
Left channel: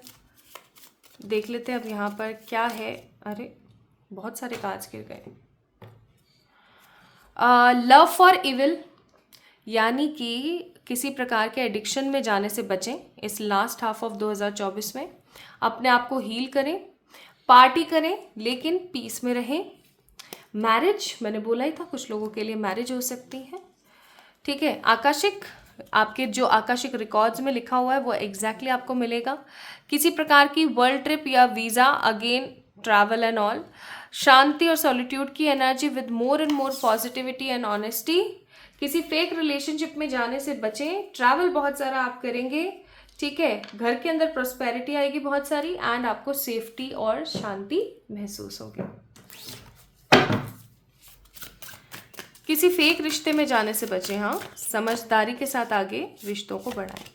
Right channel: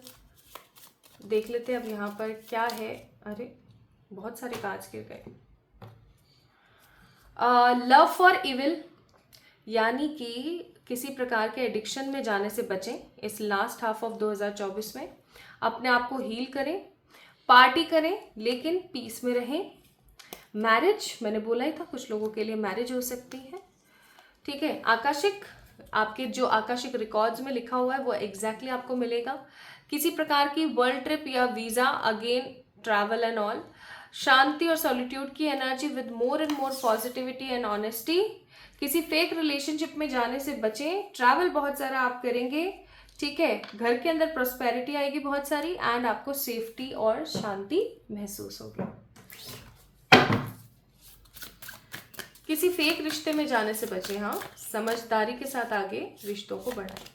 देख लेते हैं अब यहाँ पर क्या है। अरे बहुत सारे कार्ड्स गिर गए। लव फॉर इविल, यानी कि किसी प्रकार के एडिक्शन में जाने से बचें इस लास्ट हाफ ऑफ 2024 में। अपने आप को हील करें, पार्टी करें, लेकिन पीस में रहें। मैरिज, मैंने बोला ही था कुछ लोगों के लिए मैरिज हो सकती है। ठीक है, आकाशिक, आपके जो आकाशिक रिकॉर्ड्स में लिखा हुआ है वो एग्जैक्टली आपको मिलेगा। किसी प्रकार की वर्ल्ड ट्रिप या visa, again travel and all. शांति और सॉलिट्यूड की energy with more and more positivity and honesty. किसी फेक रिलेशनशिप में जाने से बचें, ट्रैवल बहुत सारा आप करेंगे। ठीक है, घर के अंदर प्रॉस्पेरिटी आएगी बहुत सारी, एंड आपको सेफ्टी और शांति महसूस होगी। किसी फेक रिश्ते में जाने से बचें, हाँ, समझदारी के साथ आगे रिश्तों को बढ़ाएं।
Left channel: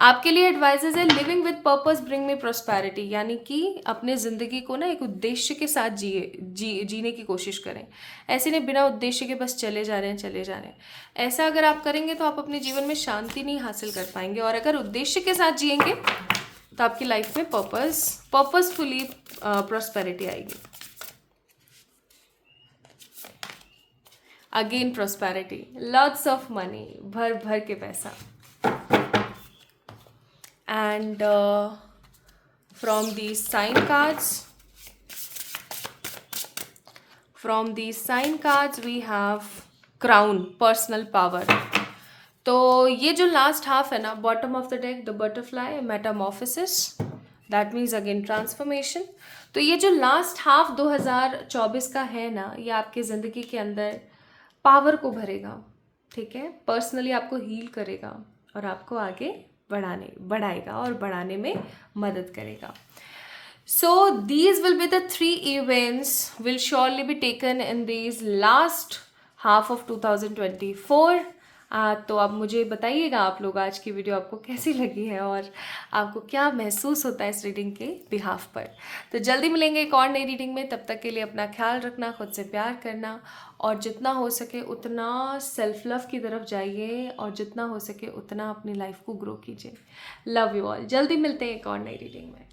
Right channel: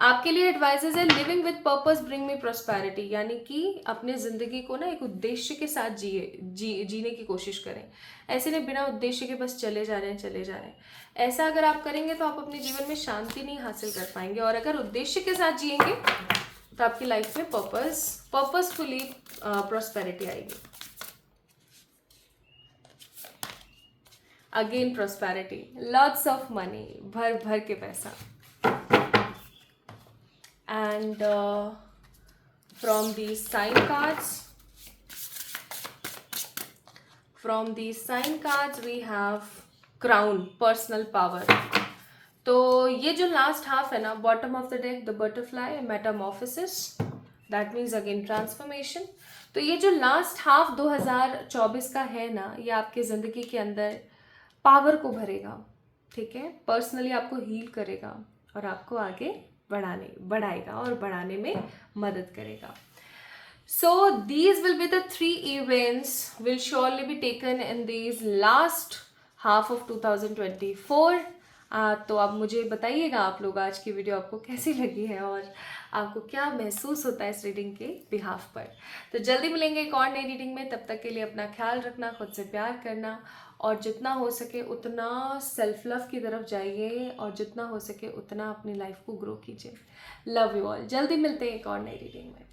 आपके लिए एडवाइजेज है, living with purpose bring me prosperity, यानी कि अपने ज़िंदगी को ना एक उद्देश्य के साथ जीने की कोशिश करें। ऐसे नहीं बिना उद्देश्य के बस चले जा रहे हैं। ऐसा अगर आप करेंगे तो आप अपने जीवन में शांति नहीं हासिल कर पाएंगे, और अगर उद्देश्य के साथ जिएंगे तो आपकी लाइफ में पर्पसफुली प्रॉस्पेरिटी आएगी। Again prosperity, lots of money, भर भर के पैसा। And from these sign cards we have crown, personal power. तो ये जो लास्ट हाफ है ना, bottom of the deck the butterfly, Metamorphosis, that means again transformation. तो ये जो लास्ट हाफ 2024 का है ना, ये आपके ज़िंदगी के अंदर पावर को भरेगा। ठीक है, पर्सनली आपको हील करेगा और आपको आगे बढ़ाएगा और बढ़ाने में मदद करेगा। So these will be the 3 events will surely be taken in these last half of 2024. तो अब मुझे बताइएगा आप लोग आज की वीडियो आपको कैसी लगी है और आपको क्या महसूस होता है इस रीडिंग के बिहाफ पर। तो जल्दी मिलेंगे एक और नई रीडिंग में। तब तक के लिए अपना ख्याल रखना, खुद से प्यार करना, और जितना हो सके उतना सेल्फ लव की तरफ जाइए, और जितना हो सके उतना अपनी लाइफ को ग्रो कीजिए। Love you all. जल्दी मिलते हैं एक और नई रीडिंग में।